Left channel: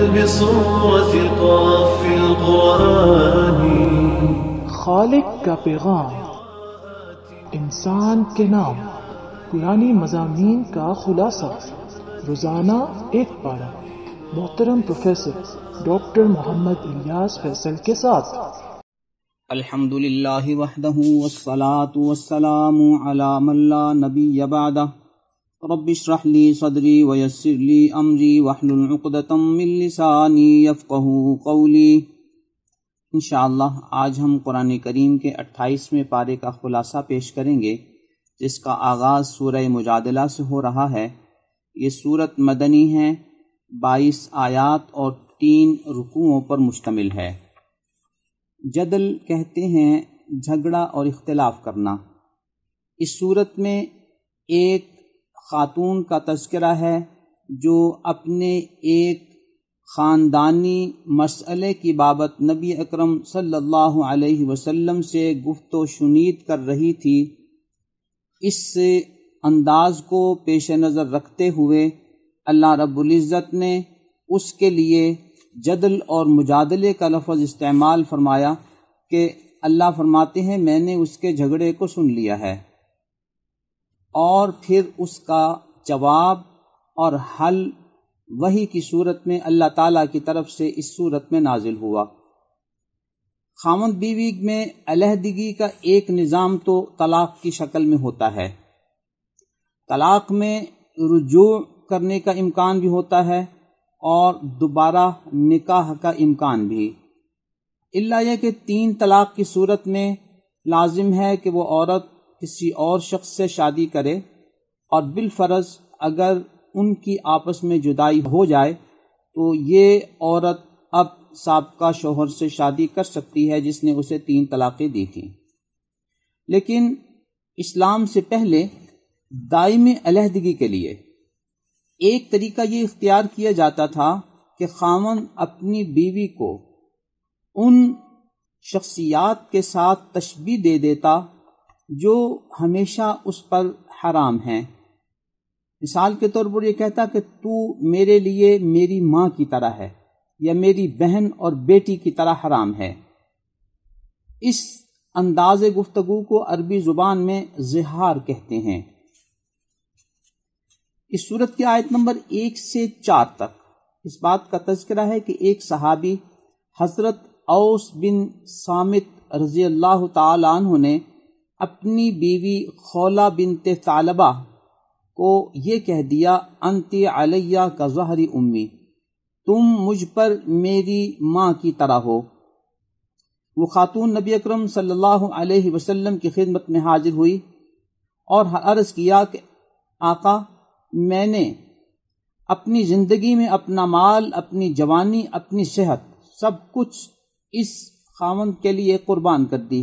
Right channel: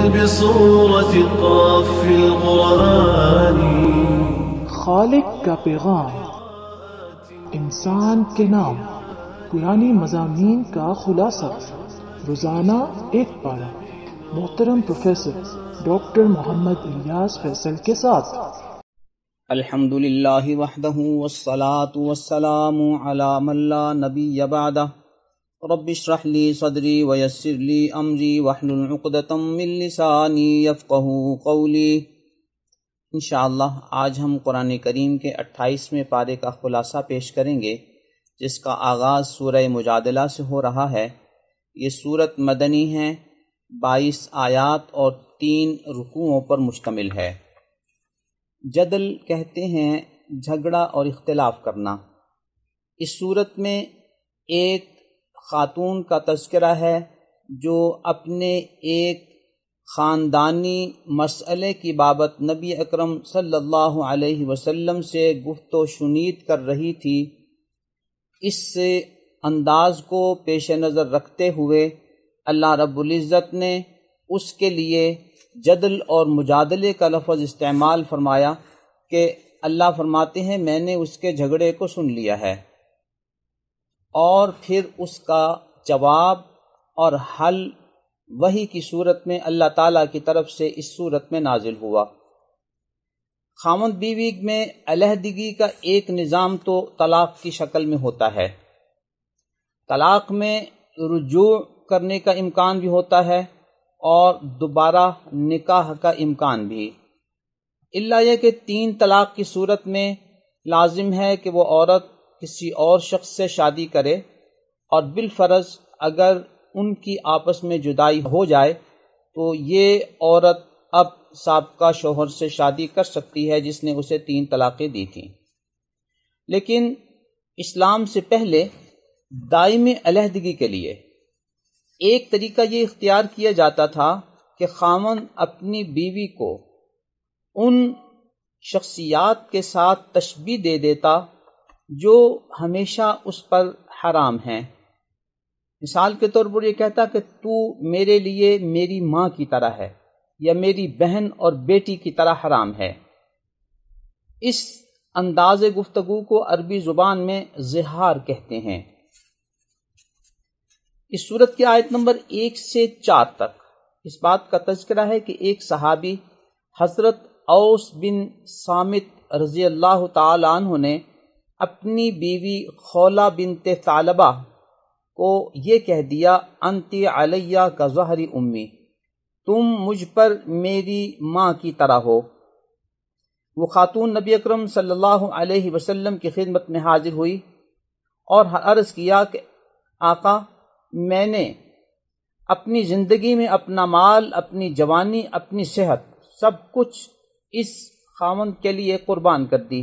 بصورة قاف القرآن. خالق کا پیغام، انسان کے نام، پرانی مضامین کا خلاصہ، روزانہ ایک پارہ، محترم پروفیسر ڈاکٹر محمد الیاس فیصل کے ساتھ۔ الحمدللہ وحدہ والصلاة والسلام علی من لا نبی بعدہ، رب اشرح لی صدری ویسر لی امری واحلل عقدۃ من لسانی یفقہوا قولی۔ انشاءاللہ آج ہم قرآن کریم کے 28ویں پارے کا خلاصہ پیش کریں گے، جس کا آغاز سورہ مجادلہ سے ہو رہا ہے۔ یہ سورت مدنی ہے، 22 آیات اور 3 رکوعوں پر مشتمل ہے۔ جدل کہتے ہیں جھگڑا اور اختلاف کرنا۔ اس سورت میں ایک خاتون کا تذکرہ ہے جو اپنے ایک خاندانی مسئلے کی بابت نبی اکرم صلی اللہ علیہ وسلم سے گفت و شنید کر رہی تھی۔ اس سے انداز کو پیش نظر رکھتے ہوئے اللہ رب العزت نے اس کے لیے جدل اور مجادلے کا لفظ استعمال فرمایا کہ اللہ فرماتے ہیں میں نے اس کے جھگڑے کو سن لیا ہے، اور پھر اس کا جواب اور حل وحی کی صورت میں اللہ تعالیٰ کی طرف سے اس صورت میں نازل ہوا۔ خاوند بیوی میں علیحدگی کا ایک نظام تو طلاق کی شکل میں ہوتا ہے۔ طلاق میں رجوع کرنے کا امکان بھی ہوتا ہے اور دوبارہ نکاح کا امکان بھی، الا یہ کہ 3 طلاق کی صورت میں لازم ہے کہ وہ عورت کسی اور شخص سے شادی کرے، اور بالفرض اگر ان کی آپس میں جدائی ہو جائے تو یہ عورت اب سابقہ شوہر سے شادی کر سکتی ہے جس نے اسے 3 طلاقیں دی تھیں۔ لیکن اسلام سے پہلے دائمی علیحدگی کے لیے ایک طریقہ یہ اختیار کیا جاتا تھا کہ خاوند اپنی بیوی کو ان شخصیات کے ساتھ تشبیہ دے دیتا جو ہمیشہ اس پر حرام ہیں۔ مثال کے طور پر یہ کہتا کہ تو میرے لیے میری ماں کی طرح ہے، یا میری بہن اور بیٹی کی طرح حرام ہے۔ اس انداز گفتگو کو عربی زبان میں زہار کہتے ہیں۔ اس سورت کی آیت نمبر 1 سے 4 تک اس بات کا تذکرہ ہے کہ ایک صحابی حضرت اوس بن صامت رضی اللہ تعالی عنہ نے اپنی بیوی خولہ بنت ثعلبہ کو یہ کہہ دیا، انتی علیہ کا ظہر امی، تم مجھ پر میری ماں کی طرح ہو۔ وہ خاتون نبی اکرم صلی اللہ علیہ وسلم کی خدمت میں حاضر ہوئی اور عرض کیا کہ آقا، میں نے اپنی زندگی میں اپنا مال، اپنی جوانی، اپنی صحت، سب کچھ اس خاوند کے لیے قربان کر دی۔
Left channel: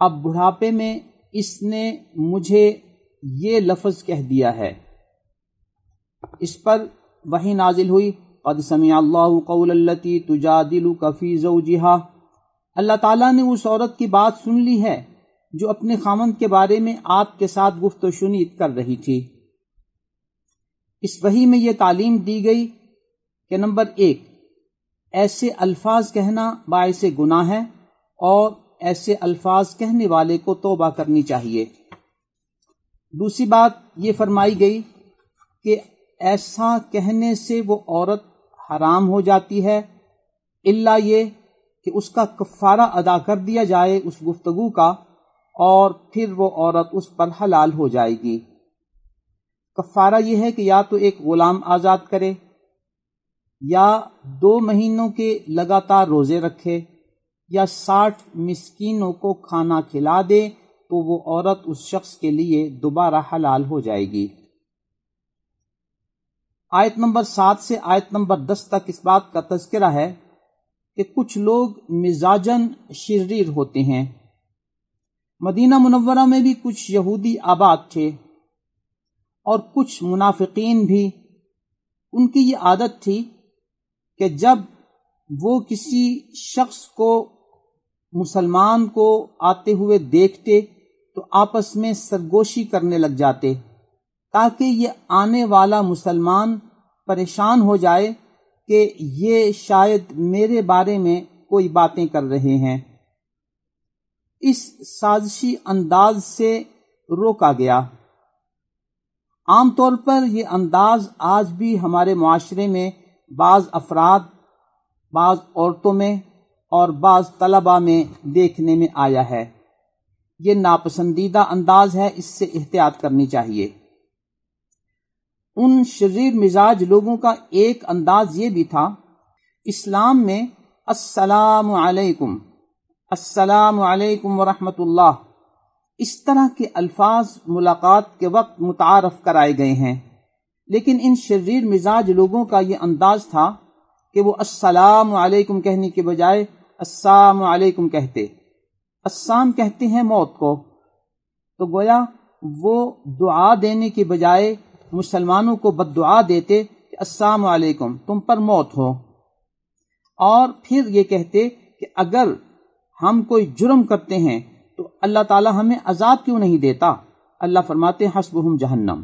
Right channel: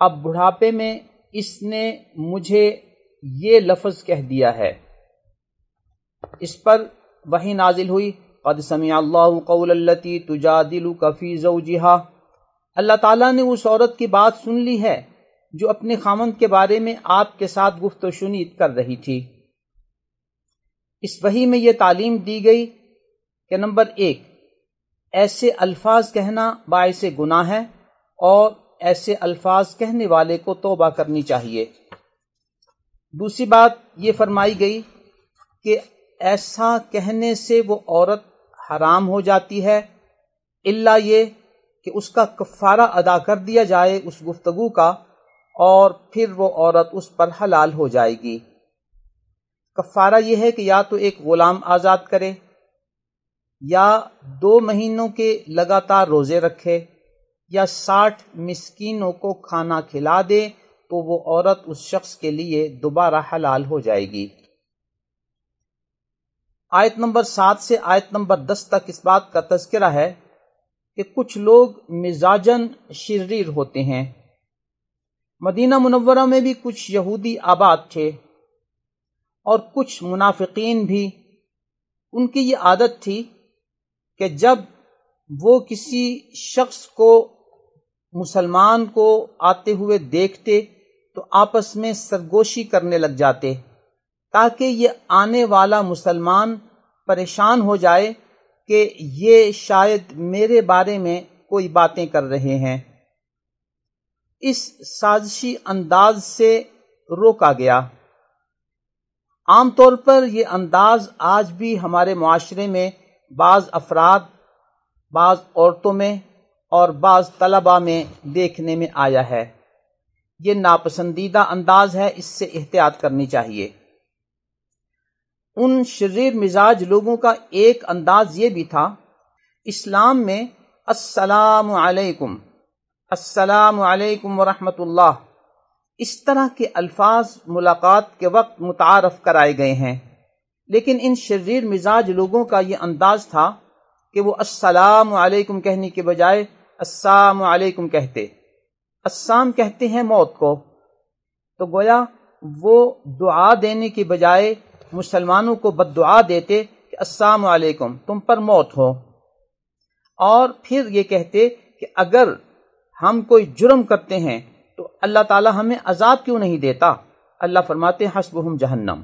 اب بڑھاپے میں اس نے مجھے یہ لفظ کہہ دیا ہے۔ اس پر وحی نازل ہوئی، قد سمع اللہ قول التی تجادلک فی زوجہا، اللہ تعالیٰ نے اس عورت کی بات سن لی ہے جو اپنے خاوند کے بارے میں آپ کے ساتھ گفت و شنید کر رہی تھی۔ اس وحی میں یہ تعلیم دی گئی کہ نمبر 1، ایسے الفاظ کہنا باعث گناہ ہے اور ایسے الفاظ کہنے والے کو توبہ کرنی چاہیے۔ دوسری بات یہ فرمائی گئی کہ ایسا کہنے سے وہ عورت حرام ہو جاتی ہے، الا یہ کہ اس کا کفارہ ادا کر دیا جائے اس گفتگو کا، اور پھر وہ عورت اس پر حلال ہو جائے گی۔ کفارہ یہ ہے کہ یا تو ایک غلام آزاد کرے، یا 2 مہینوں کے لگاتار روزے رکھے، یا 60 مسکینوں کو کھانا کھلا دے، تو وہ عورت اس شخص کے لیے دوبارہ حلال ہو جائے گی۔ آیت نمبر 7 سے آیت نمبر 10 تک اس بات کا تذکرہ ہے کہ کچھ لوگ مزاجن شریر ہوتے ہیں۔ مدینہ منورہ میں بھی کچھ یہودی آباد تھے اور کچھ منافقین بھی۔ ان کی یہ عادت تھی کہ جب وہ کسی شخص کو، مسلمان کو آتے ہوئے دیکھتے تو آپس میں سرگوشی کرنے لگ جاتے تاکہ یہ آنے والا مسلمان پریشان ہو جائے کہ یہ شاید میرے بارے میں کوئی باتیں کر رہے ہیں۔ اس سازشی انداز سے روکا گیا۔ عام طور پر یہ انداز آج بھی ہمارے معاشرے میں بعض افراد، بعض عورتوں میں اور بعض طلباء میں دیکھنے میں آیا ہے۔ یہ ناپسندیدہ انداز ہے، اس سے احتیاط کرنی چاہیے۔ ان شریر مزاج لوگوں کا ایک انداز یہ بھی تھا، اسلام میں السلام علیکم، السلام علیکم ورحمۃ اللہ، اس طرح کے الفاظ ملاقات کے وقت متعارف کرائے گئے ہیں، لیکن ان شریر مزاج لوگوں کا یہ انداز تھا کہ وہ السلام علیکم کہنے کے بجائے السلام علیکم کہتے۔ السلام کہتے ہیں موت کو، تو گویا وہ دعا دینے کی بجائے مسلمانوں کو بد دعا دیتے کہ السلام علیکم، تم پر موت ہو، اور پھر یہ کہتے کہ اگر ہم کوئی جرم کرتے ہیں تو اللہ تعالی ہمیں عذاب کیوں نہیں دیتا؟ اللہ فرماتے ہیں حسبہم جہنم،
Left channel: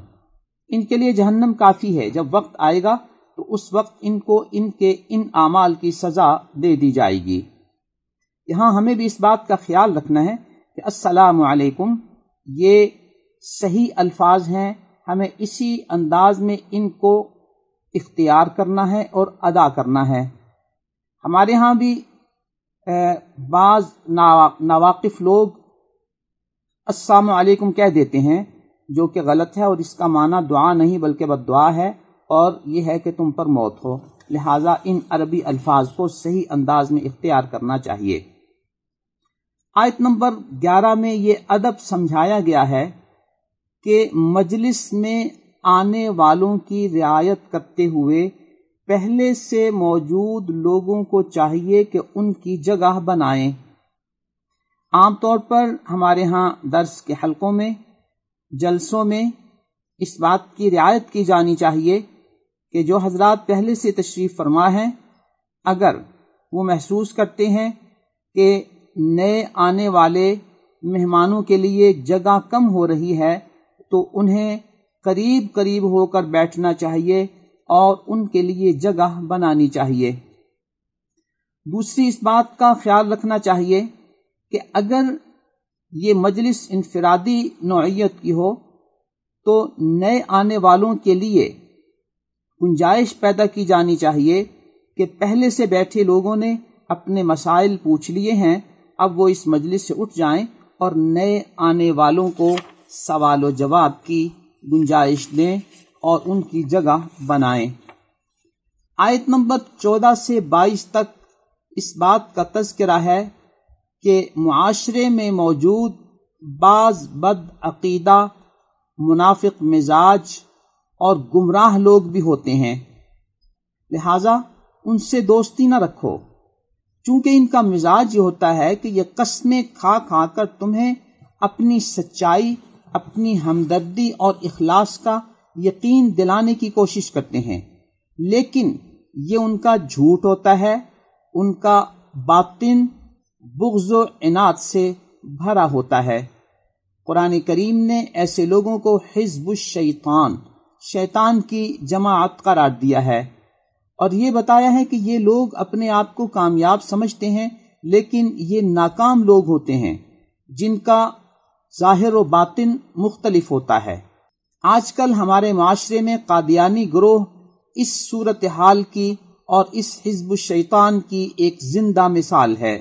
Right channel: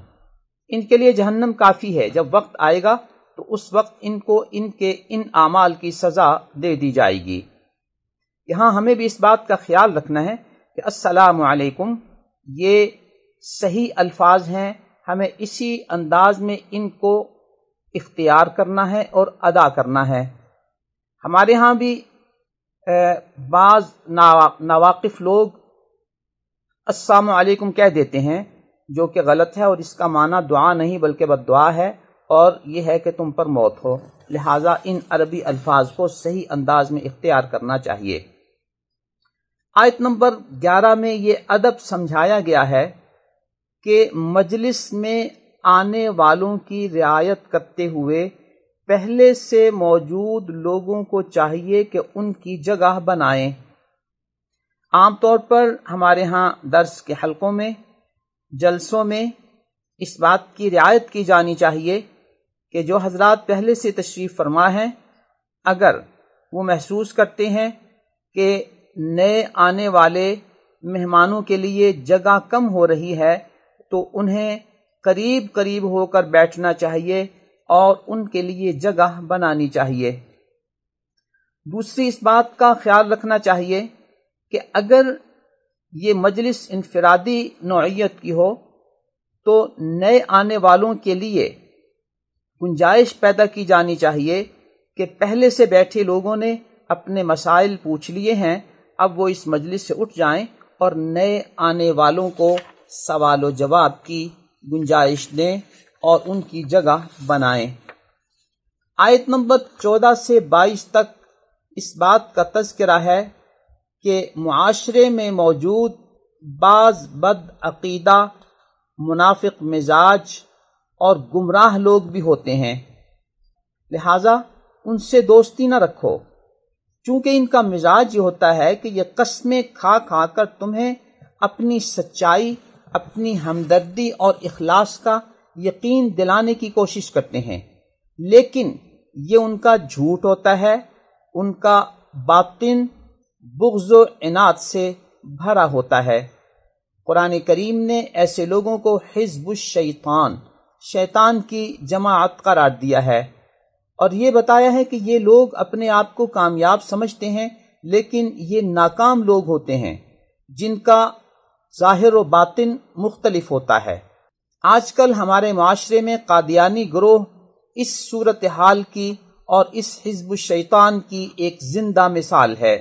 ان کے لیے جہنم کافی ہے، جب وقت آئے گا تو اس وقت ان کو ان کے ان اعمال کی سزا دے دی جائے گی۔ یہاں ہمیں بھی اس بات کا خیال رکھنا ہے کہ السلام علیکم یہ صحیح الفاظ ہیں، ہمیں اسی انداز میں ان کو اختیار کرنا ہے اور ادا کرنا ہے۔ ہمارے ہاں بھی بعض ناواقف لوگ السلام علیکم کہہ دیتے ہیں، جو کہ غلط ہے، اور اس کا معنی دعا نہیں بلکہ بد دعا ہے، اور یہ ہے کہ تم پر موت ہو۔ لہٰذا ان عربی الفاظ کو صحیح انداز میں اختیار کرنا چاہیے۔ آیت نمبر 11 میں یہ ادب سمجھایا گیا ہے کہ مجلس میں آنے والوں کی رعایت کرتے ہوئے پہلے سے موجود لوگوں کو چاہیے کہ ان کی جگہ بنائیں۔ عام طور پر ہمارے ہاں درس کے حلقوں میں، جلسوں میں اس بات کی رعایت کی جانی چاہیے کہ جو حضرات پہلے سے تشریف فرما ہیں، اگر وہ محسوس کرتے ہیں کہ نئے آنے والے مہمانوں کے لیے جگہ کم ہو رہی ہے تو انہیں قریب قریب ہو کر بیٹھنا چاہیے اور ان کے لیے جگہ بنانی چاہیے۔ دوسری اس بات کا خیال رکھنا چاہیے کہ اگر یہ مجلس انفرادی نوعیت کی ہو تو نئے آنے والوں کے لیے گنجائش پیدا کی جانی چاہیے کہ پہلے سے بیٹھے لوگوں نے اپنے مسائل پوچھ لیے ہیں، اب وہ اس مجلس سے اٹھ جائیں اور نئے آنے والوں کو سوال و جواب کی گنجائش دیں اور ان کی جگہ بنائیں۔ آیت نمبر 14 سے 22 تک اس بات کا تذکرہ ہے کہ معاشرے میں موجود بعض بد عقیدہ، منافق مزاج اور گمراہ لوگ بھی ہوتے ہیں، لہٰذا ان سے دوستی نہ رکھو، چونکہ ان کا مزاج یہ ہوتا ہے کہ یہ قسمیں کھا کھا کر تمہیں اپنی سچائی، اپنی ہمدردی اور اخلاص کا یقین دلانے کی کوشش کرتے ہیں، لیکن یہ ان کا جھوٹ ہوتا ہے، ان کا باطن بغض و عناد سے بھرا ہوتا ہے۔ قرآن کریم نے ایسے لوگوں کو حزب الشیطان، شیطان کی جماعت قرار دیا ہے، اور یہ بتایا ہے کہ یہ لوگ اپنے آپ کو کامیاب سمجھتے ہیں، لیکن یہ ناکام لوگ ہوتے ہیں جن کا ظاہر و باطن مختلف ہوتا ہے۔ آج کل ہمارے معاشرے میں قادیانی گروہ اس صورتحال کی اور اس حزب الشیطان کی ایک زندہ مثال ہے۔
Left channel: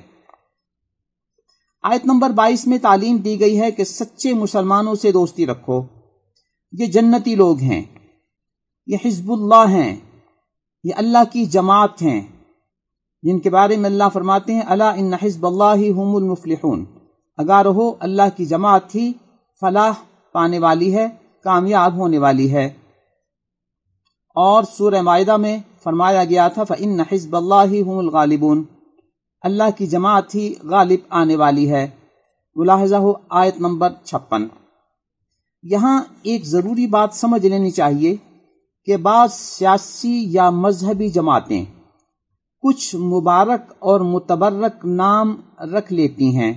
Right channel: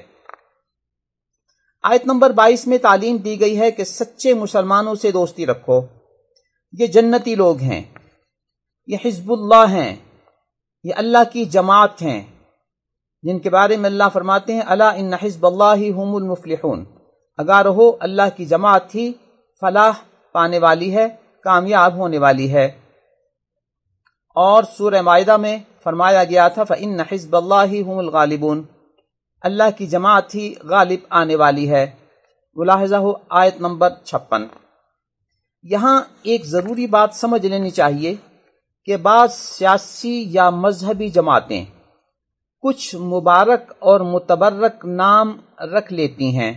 آیت نمبر 22 میں تعلیم دی گئی ہے کہ سچے مسلمانوں سے دوستی رکھو، یہ جنتی لوگ ہیں، یہ حزب اللہ ہیں، یہ اللہ کی جماعت ہیں، جن کے بارے میں اللہ فرماتے ہیں الا ان حزب اللہ هم المفلحون، آگاہ رہو اللہ کی جماعت ہی فلاح پانے والی ہے، کامیاب ہونے والی ہے۔ اور سورہ مائدہ میں فرمایا گیا تھا فإن حزب اللہ هم الغالبون، اللہ کی جماعت ہی غالب آنے والی ہے۔ ملاحظہ ہو آیت نمبر 56۔ یہاں ایک ضروری بات سمجھ لینی چاہیے کہ بعض سیاسی یا مذہبی جماعتیں کچھ مبارک اور متبرک نام رکھ لیتی ہیں،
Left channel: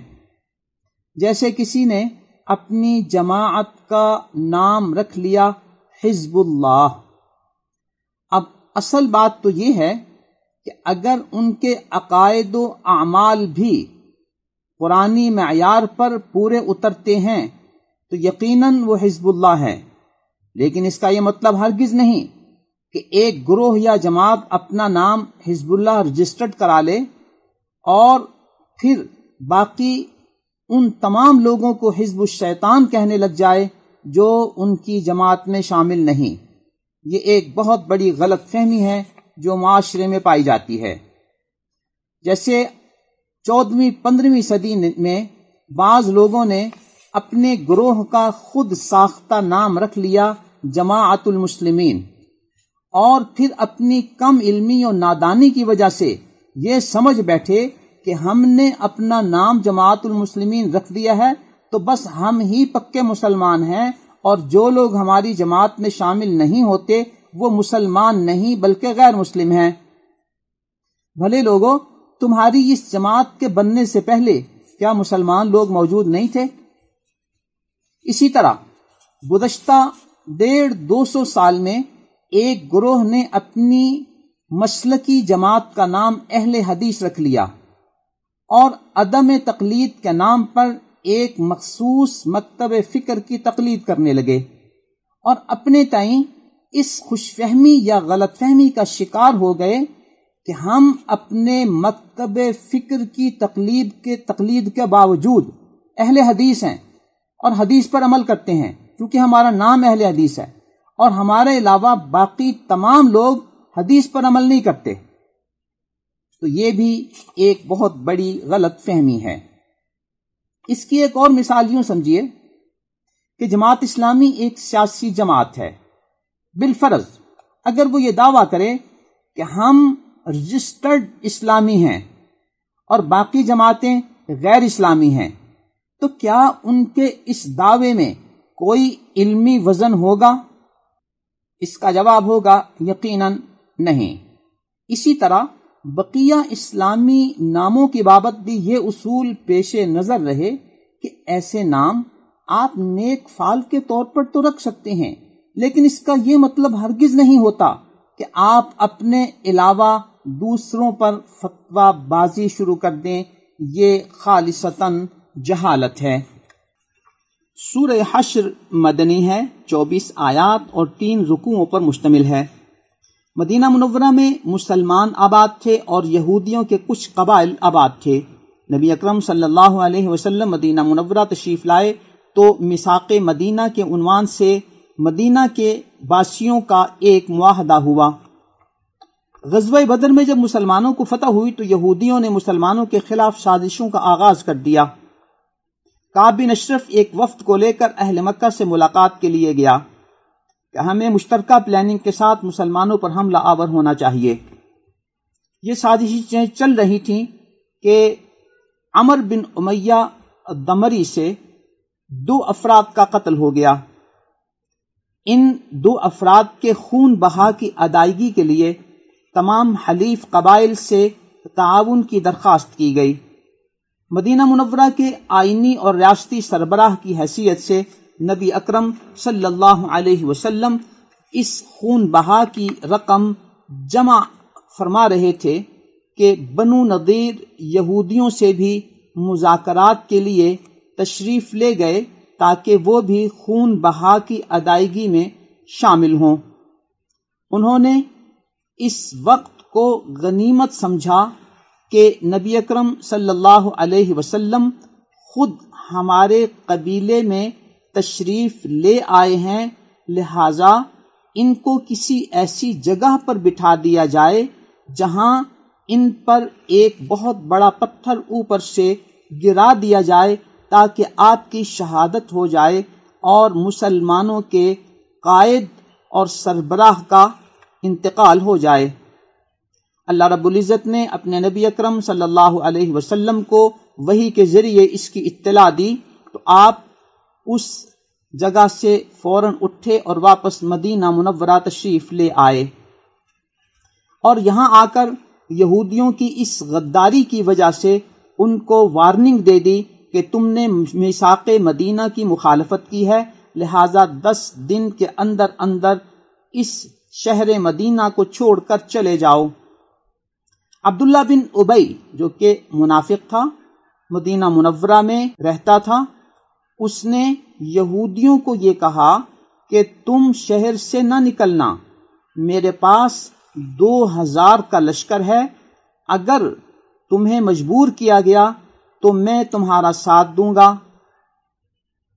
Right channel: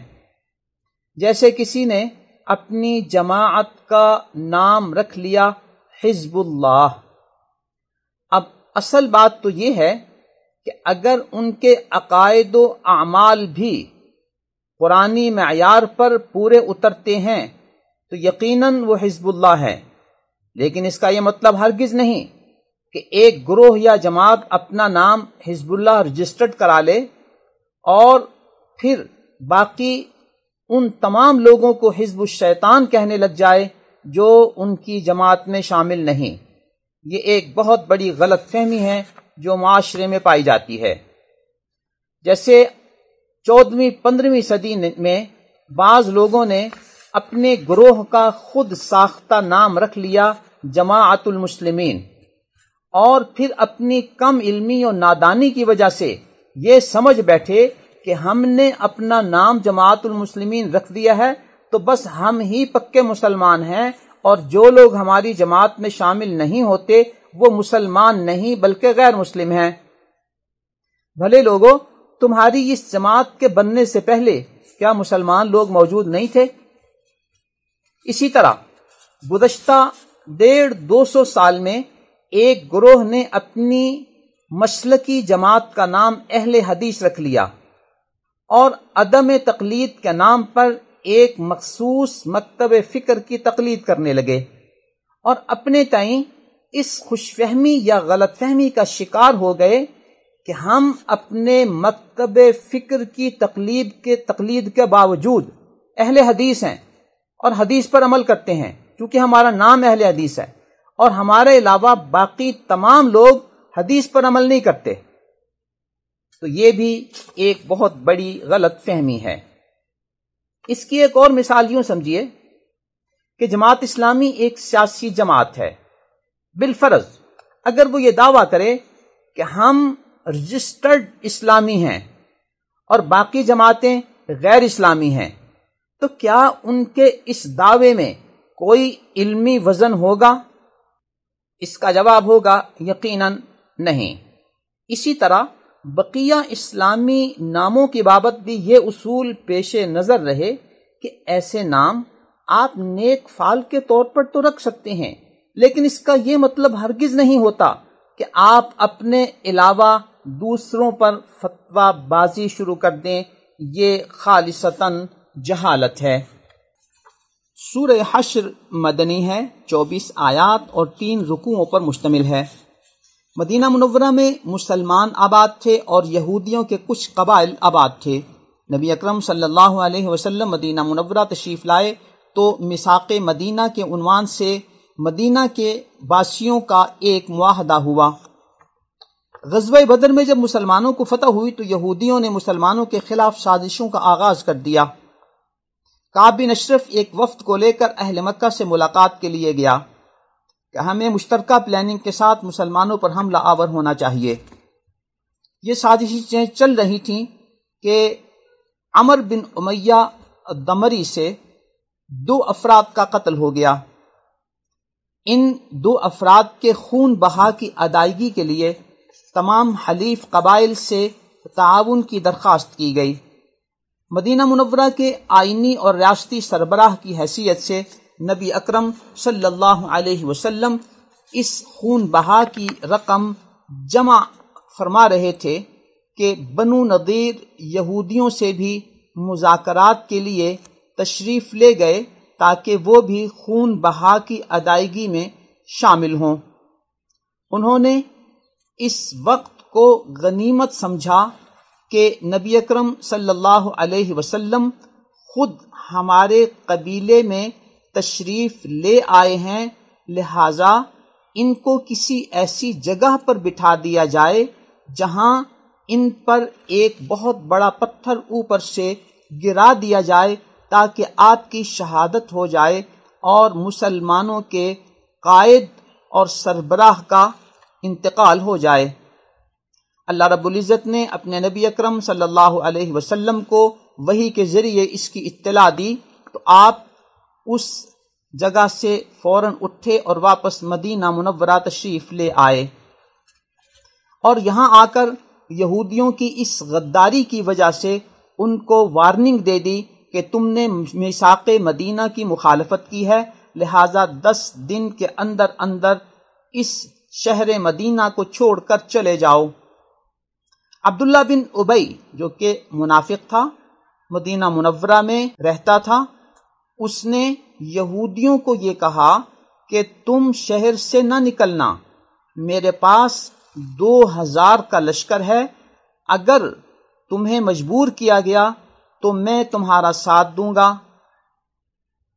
جیسے کسی نے اپنی جماعت کا نام رکھ لیا حزب اللہ۔ اب اصل بات تو یہ ہے کہ اگر ان کے عقائد و اعمال بھی قرآنی معیار پر پورے اترتے ہیں تو یقیناً وہ حزب اللہ ہے، لیکن اس کا یہ مطلب ہرگز نہیں کہ ایک گروہ یا جماعت اپنا نام حزب اللہ رجسٹرڈ کرا لے اور پھر باقی ان تمام لوگوں کو حزب الشیطان کہنے لگ جائے جو ان کی جماعت میں شامل نہیں۔ یہ ایک بہت بڑی غلط فہمی ہے جو معاشرے میں پائی جاتی ہے۔ جیسے 14ویں 15ویں صدی میں بعض لوگوں نے اپنے گروہ کا خود ساختہ نام رکھ لیا جماعت المسلمین، اور پھر اپنی کم علمی اور نادانی کی وجہ سے یہ سمجھ بیٹھے کہ ہم نے اپنا نام جماعت المسلمین رکھ دیا ہے تو بس ہم ہی پکے مسلمان ہیں، اور جو لوگ ہماری جماعت میں شامل نہیں ہوتے وہ مسلمان نہیں بلکہ غیر مسلم ہیں۔ بھلے لوگوں، تمہاری اس جماعت کے بننے سے پہلے کیا مسلمان لوگ موجود نہیں تھے؟ اسی طرح گزشتہ 150-200 سال میں ایک گروہ نے اپنی مسلکی جماعت کا نام اہل حدیث رکھ لیا اور عدم تقلید کے نام پر ایک مخصوص مکتب فکر کی تقلید کرنے لگے، اور اپنے تئیں اس خوش فہمی یا غلط فہمی کا شکار ہو گئے کہ ہم اپنے مکتب فکر کی تقلید کے باوجود اہل حدیث ہیں اور حدیث پر عمل کرتے ہیں، کیونکہ ہمارا نام اہل حدیث ہے، اور ہمارے علاوہ باقی تمام لوگ حدیث پر عمل نہیں کرتے۔ تو یہ بھی ایک بہت بڑی غلط فہمی ہے۔ اس کی ایک اور مثال یوں سمجھیے کہ جماعت اسلامی ایک سیاسی جماعت ہے۔ بالفرض اگر وہ یہ دعویٰ کرے کہ ہم رجسٹرڈ اسلامی ہیں اور باقی جماعتیں غیر اسلامی ہیں، تو کیا ان کے اس دعوے میں کوئی علمی وزن ہوگا؟ اس کا جواب ہوگا یقیناً نہیں۔ اسی طرح بقیہ اسلامی ناموں کی بابت بھی یہ اصول پیش نظر رہے کہ ایسے نام آپ نیک فعل کے طور پر تو رکھ سکتے ہیں، لیکن اس کا یہ مطلب ہرگز نہیں ہوتا کہ آپ اپنے علاوہ دوسروں پر فتویٰ بازی شروع کر دیں۔ یہ خالصتاً جہالت ہے۔ سورہ حشر مدنی ہے، 24 آیات اور 3 رکوعوں پر مشتمل ہے۔ مدینہ منورہ میں مسلمان آباد تھے اور یہودیوں کے کچھ قبائل آباد تھے۔ نبی اکرم صلی اللہ علیہ وسلم مدینہ منورہ تشریف لائے تو میثاق مدینہ کے عنوان سے مدینہ کے باسیوں کا ایک معاہدہ ہوا۔ غزوہ بدر میں جب مسلمانوں کو فتح ہوئی تو یہودیوں نے مسلمانوں کے خلاف سازشوں کا آغاز کر دیا۔ کعب بن اشرف ایک وفد کو لے کر اہل مکہ سے ملاقات کے لیے گیا کہ ہمیں مشترکہ پلاننگ کے ساتھ مسلمانوں پر حملہ آور ہونا چاہیے۔ یہ سازشیں چل رہی تھیں کہ عمر بن امیہ دمری سے 2 افراد کا قتل ہو گیا۔ ان 2 افراد کے خون بہا کی ادائیگی کے لیے تمام حلیف قبائل سے تعاون کی درخواست کی گئی۔ مدینہ منورہ کے آئینی اور ریاستی سربراہ کی حیثیت سے نبی اکرم صلی اللہ علیہ وسلم اس خون بہا کی رقم جمع فرما رہے تھے کہ بنو نضیر یہودیوں سے بھی مذاکرات کے لیے تشریف لے گئے تاکہ وہ بھی خون بہا کی ادائیگی میں شامل ہوں۔ انہوں نے اس وقت کو غنیمت سمجھا کہ نبی اکرم صلی اللہ علیہ وسلم خود ہمارے قبیلے میں تشریف لے آئے ہیں، لہذا ان کو کسی ایسی جگہ پر بٹھا دیا جائے جہاں ان پر ایک بہت بڑا پتھر اوپر سے گرا دیا جائے تاکہ آپ کی شہادت ہو جائے اور مسلمانوں کے قائد اور سربراہ کا انتقال ہو جائے۔ اللہ رب العزت نے اپنے نبی اکرم صلی اللہ علیہ وسلم کو وحی کے ذریعے اس کی اطلاع دی تو آپ اس جگہ سے فوراً اٹھے اور واپس مدینہ منورہ تشریف لے آئے، اور یہاں آ کر یہودیوں کی اس غداری کی وجہ سے ان کو وارننگ دے دی کہ تم نے میثاق مدینہ کی مخالفت کی ہے، لہذا 10 دن کے اندر اندر اس شہر مدینہ کو چھوڑ کر چلے جاؤ۔ عبداللہ بن ابی جو کہ منافق تھا، مدینہ منورہ میں رہتا تھا، اس نے یہودیوں کو یہ کہا کہ تم شہر سے نہ نکلنا، میرے پاس 2000 کا لشکر ہے، اگر تمہیں مجبور کیا گیا تو میں تمہارا ساتھ دوں گا۔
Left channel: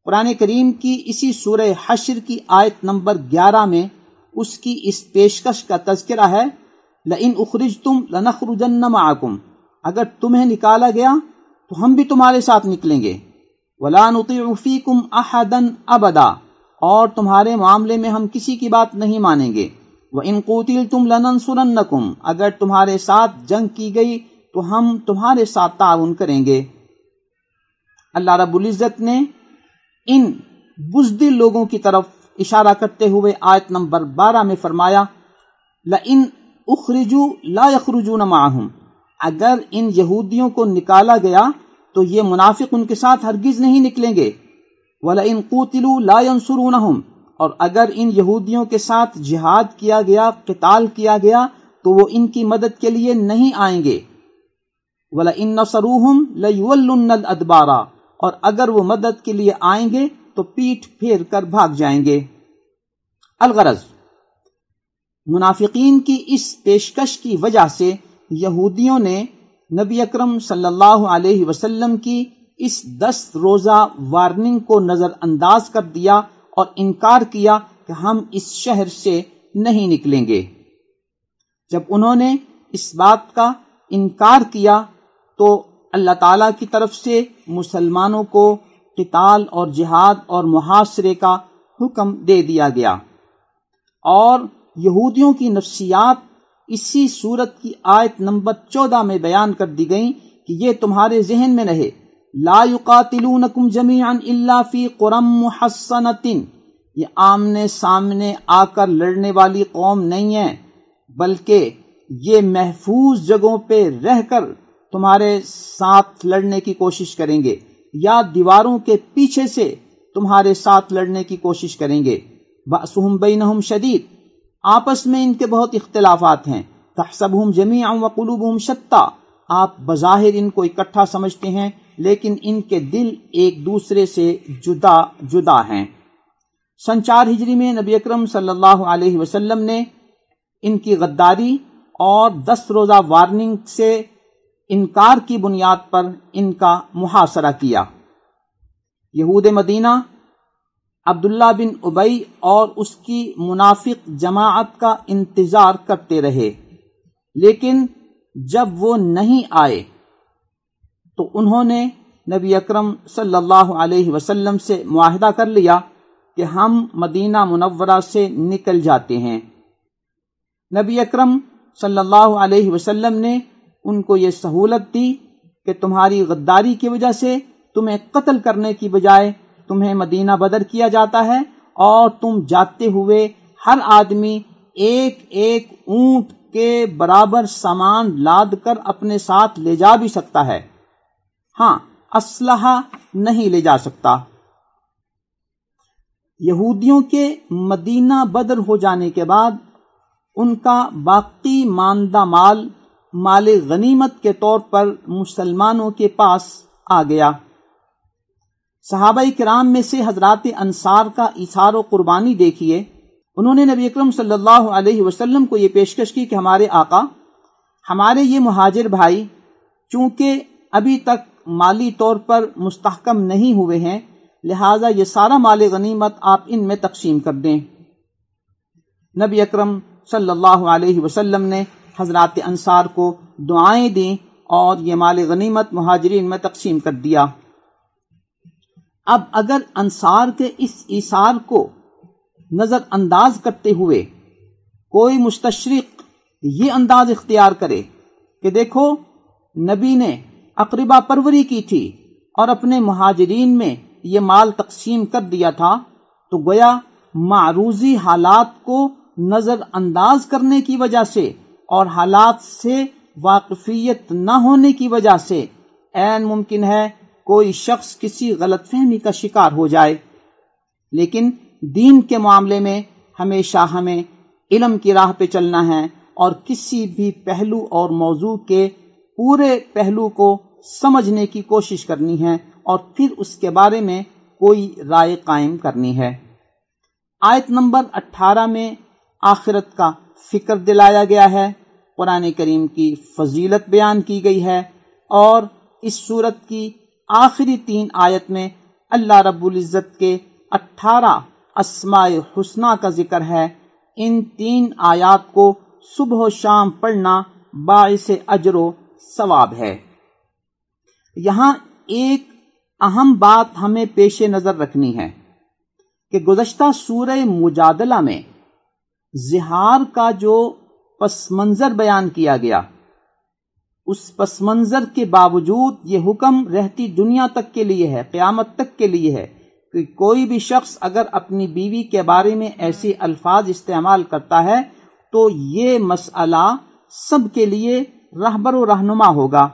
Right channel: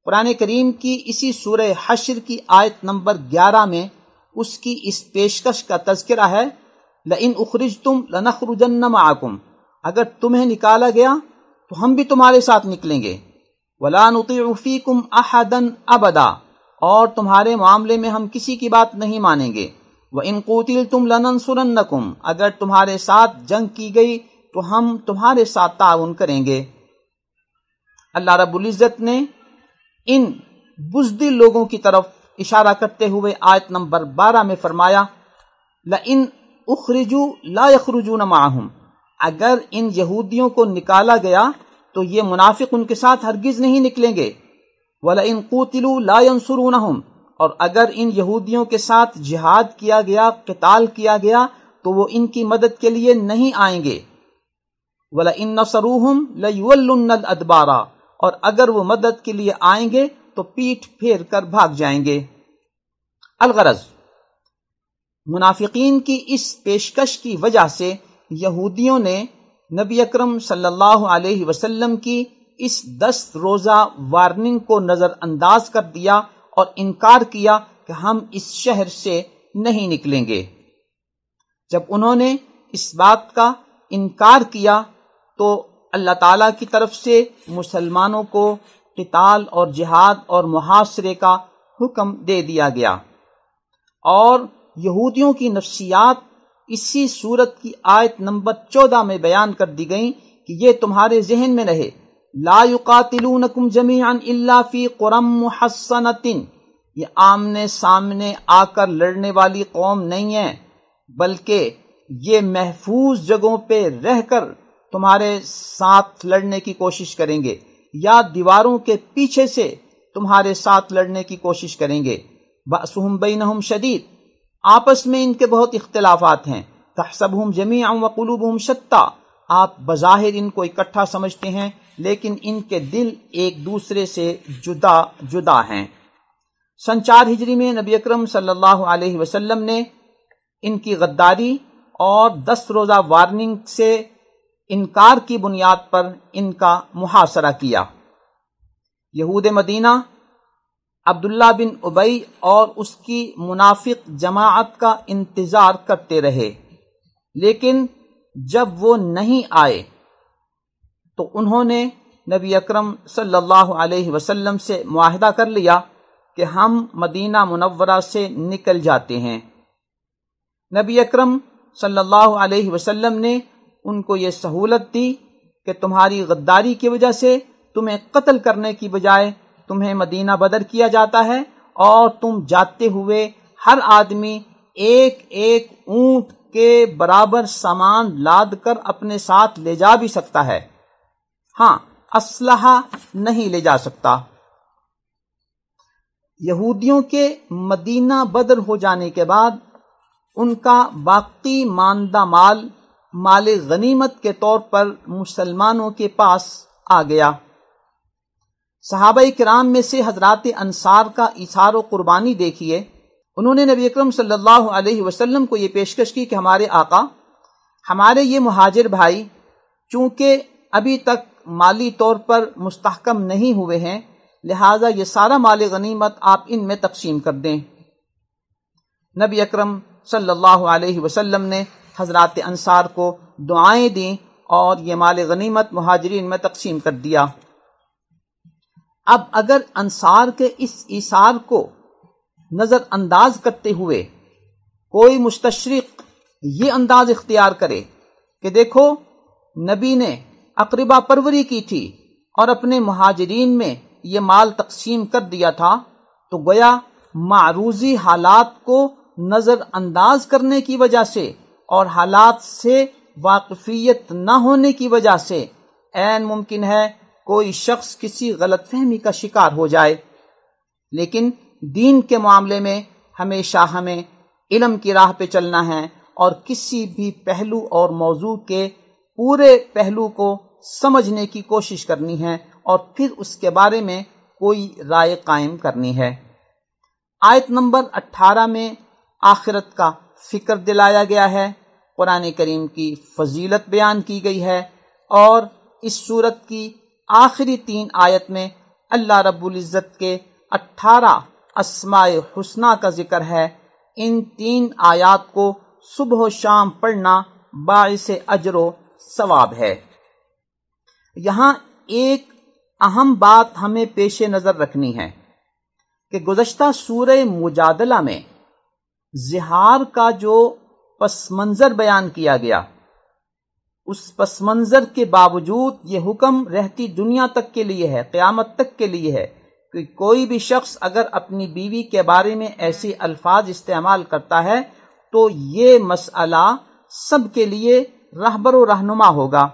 قرآن کریم کی اسی سورہ حشر کی آیت نمبر 11 میں اس کی اس پیشکش کا تذکرہ ہے، لئن اخرجتم لنخرجن معکم، اگر تمہیں نکالا گیا تو ہم بھی تمہارے ساتھ نکلیں گے، ولا نطیع فیکم احدا ابدا، اور تمہارے معاملے میں ہم کسی کی بات نہیں مانیں گے، وان قوتلتم لننصرنکم، اگر تمہارے ساتھ جنگ کی گئی تو ہم تمہارے ساتھ تعاون کریں گے۔ اللہ رب العزت نے ان بزدل لوگوں کی طرف اشارہ کرتے ہوئے آیت نمبر 12 میں فرمایا، لئن اخرجوا لا یخرجون معہم، اگر ان یہودیوں کو نکالا گیا تو یہ منافق ان کے ساتھ ہرگز نہیں نکلیں گے، وَلَئِن قُوتِلُوا لَا يَنصُرُونَهُمْ، اور اگر ان یہودیوں کے ساتھ جہاد کیا گیا، قتال کیا گیا تو وہ ان کی مدد کے لیے نہیں آئیں گے، وَلَئِن نَصَرُوهُمْ لَيُوَلُّنَّ الْأَدْبَارَ، اور اگر وہ مدد کے لیے آئیں گے تو پیٹھ پھیر کر بھاگ جائیں گے۔ الغرض، منافقین کی اس پیشکش کی وجہ سے یہودیوں نے نبی اکرم صلی اللہ علیہ وسلم کی اس 10 روزہ وارننگ کو نظر انداز کر دیا اور انکار کیا کہ ہم اس شہر سے نہیں نکلیں گے۔ جب انہوں نے اس بات کا انکار کیا تو اللہ تعالیٰ کی طرف سے مسلمانوں کو قتال اور جہاد اور محاصرے کا حکم دے دیا گیا، اور یہودیوں کی نفسیات اسی صورت کی آیت نمبر 14 میں بیان کر دی گئیں کہ یہ تمہارے ذہن میں رہے، لا یقاتلونکم جمیعا الا فی قری محصنۃ، یہ آمنے سامنے آ کر لڑنے والی قوم نہیں ہے، بلکہ یہ محفوظ جگہوں پہ رہ کر تمہارے ساتھ لڑنے کی کوشش کریں گے، یا دیواروں کے پیچھے سے تمہارے ساتھ لڑنے کی کوشش کریں گے۔ بأسہم بینہم شدید، آپس میں ان کے بہت اختلافات ہیں۔ تحسبہم جمیعا وقلوبہم شتیٰ، آپ بظاہر ان کو اکٹھا سمجھتے ہیں لیکن ان کے دل ایک دوسرے سے جدا جدا ہیں۔ سن 4 ہجری میں نبی اکرم صلی اللہ علیہ وسلم نے ان کی غداری اور 10 روزہ وارننگ سے انکار کی بنیاد پر ان کا محاصرہ کیا۔ یہود مدینہ عبداللہ بن ابی اور اس کی منافق جماعت کا انتظار کرتے رہے، لیکن جب وہ نہیں آئے تو انہوں نے نبی اکرم صلی اللہ علیہ وسلم سے معاہدہ کر لیا کہ ہم مدینہ منورہ سے نکل جاتے ہیں۔ نبی اکرم صلی اللہ علیہ وسلم نے ان کو یہ سہولت دی کہ تمہاری غداری کی وجہ سے تمہیں قتل کرنے کی بجائے تمہیں مدینہ بدر کیا جاتا ہے، اور تم جاتے ہوئے ہر آدمی ایک ایک اونٹ کے برابر سامان لاد کر اپنے ساتھ لے جا بھی سکتا ہے، ہاں اسلحہ نہیں لے جا سکتا۔ یہودیوں کے مدینہ بدر ہو جانے کے بعد ان کا باقی ماندہ مال غنیمت کے طور پر مسلمانوں کے پاس آ گیا۔ صحابہ کرام میں سے حضرات انصار کا ایثار و قربانی دیکھیے، انہوں نے نبی اکرم صلی اللہ علیہ وسلم کو یہ پیشکش کی کہ ہمارے آقا، ہمارے یہ مہاجر بھائی چونکہ ابھی تک مالی طور پر مستحکم نہیں ہوئے ہیں، لہذا یہ سارا مال غنیمت آپ ان میں تقسیم کر دیں۔ نبی اکرم صلی اللہ علیہ وسلم نے حضرات انصار کو دعائیں دیں اور یہ مال غنیمت مہاجرین میں تقسیم کر دیا۔ اب اگر انصار کے اس ایثار کو نظر انداز کرتے ہوئے کوئی مستشرق یہ انداز اختیار کرے کہ دیکھو نبی نے اقربا پروری کی تھی اور اپنے مہاجرین میں یہ مال تقسیم کر دیا تھا، تو گویا معروضی حالات کو نظر انداز کرنے کی وجہ سے اور حالات سے واقفیت نہ ہونے کی وجہ سے عین ممکن ہے کوئی شخص کسی غلط فہمی کا شکار ہو جائے۔ لیکن دین کے معاملے میں ہمیشہ ہمیں علم کی راہ پہ چلنا ہے، اور کسی بھی پہلو اور موضوع کے پورے پہلو کو سمجھنے کی کوشش کرنی ہے اور پھر اس کے بارے میں کوئی رائے قائم کرنی ہے۔ آیت نمبر 18 میں آخرت کا فکر دلایا گیا ہے، قرآن کریم کی فضیلت بیان کی گئی ہے، اور اس سورت کی آخری 3 آیت میں اللہ رب العزت کے 18 اسماء حسنہ کا ذکر ہے۔ ان 3 آیات کو صبح و شام پڑھنا باعث اجر و ثواب ہے۔ یہاں ایک اہم بات ہمیں پیش نظر رکھنی ہے کہ گزشتہ سورہ مجادلہ میں زہار کا جو پس منظر بیان کیا گیا، اس پس منظر کے باوجود یہ حکم رہتی دنیا تک کے لیے ہے، قیامت تک کے لیے ہے کہ کوئی بھی شخص اگر اپنی بیوی کے بارے میں ایسی الفاظ استعمال کرتا ہے تو یہ مسئلہ سب کے لیے رہبر و رہنما ہوگا۔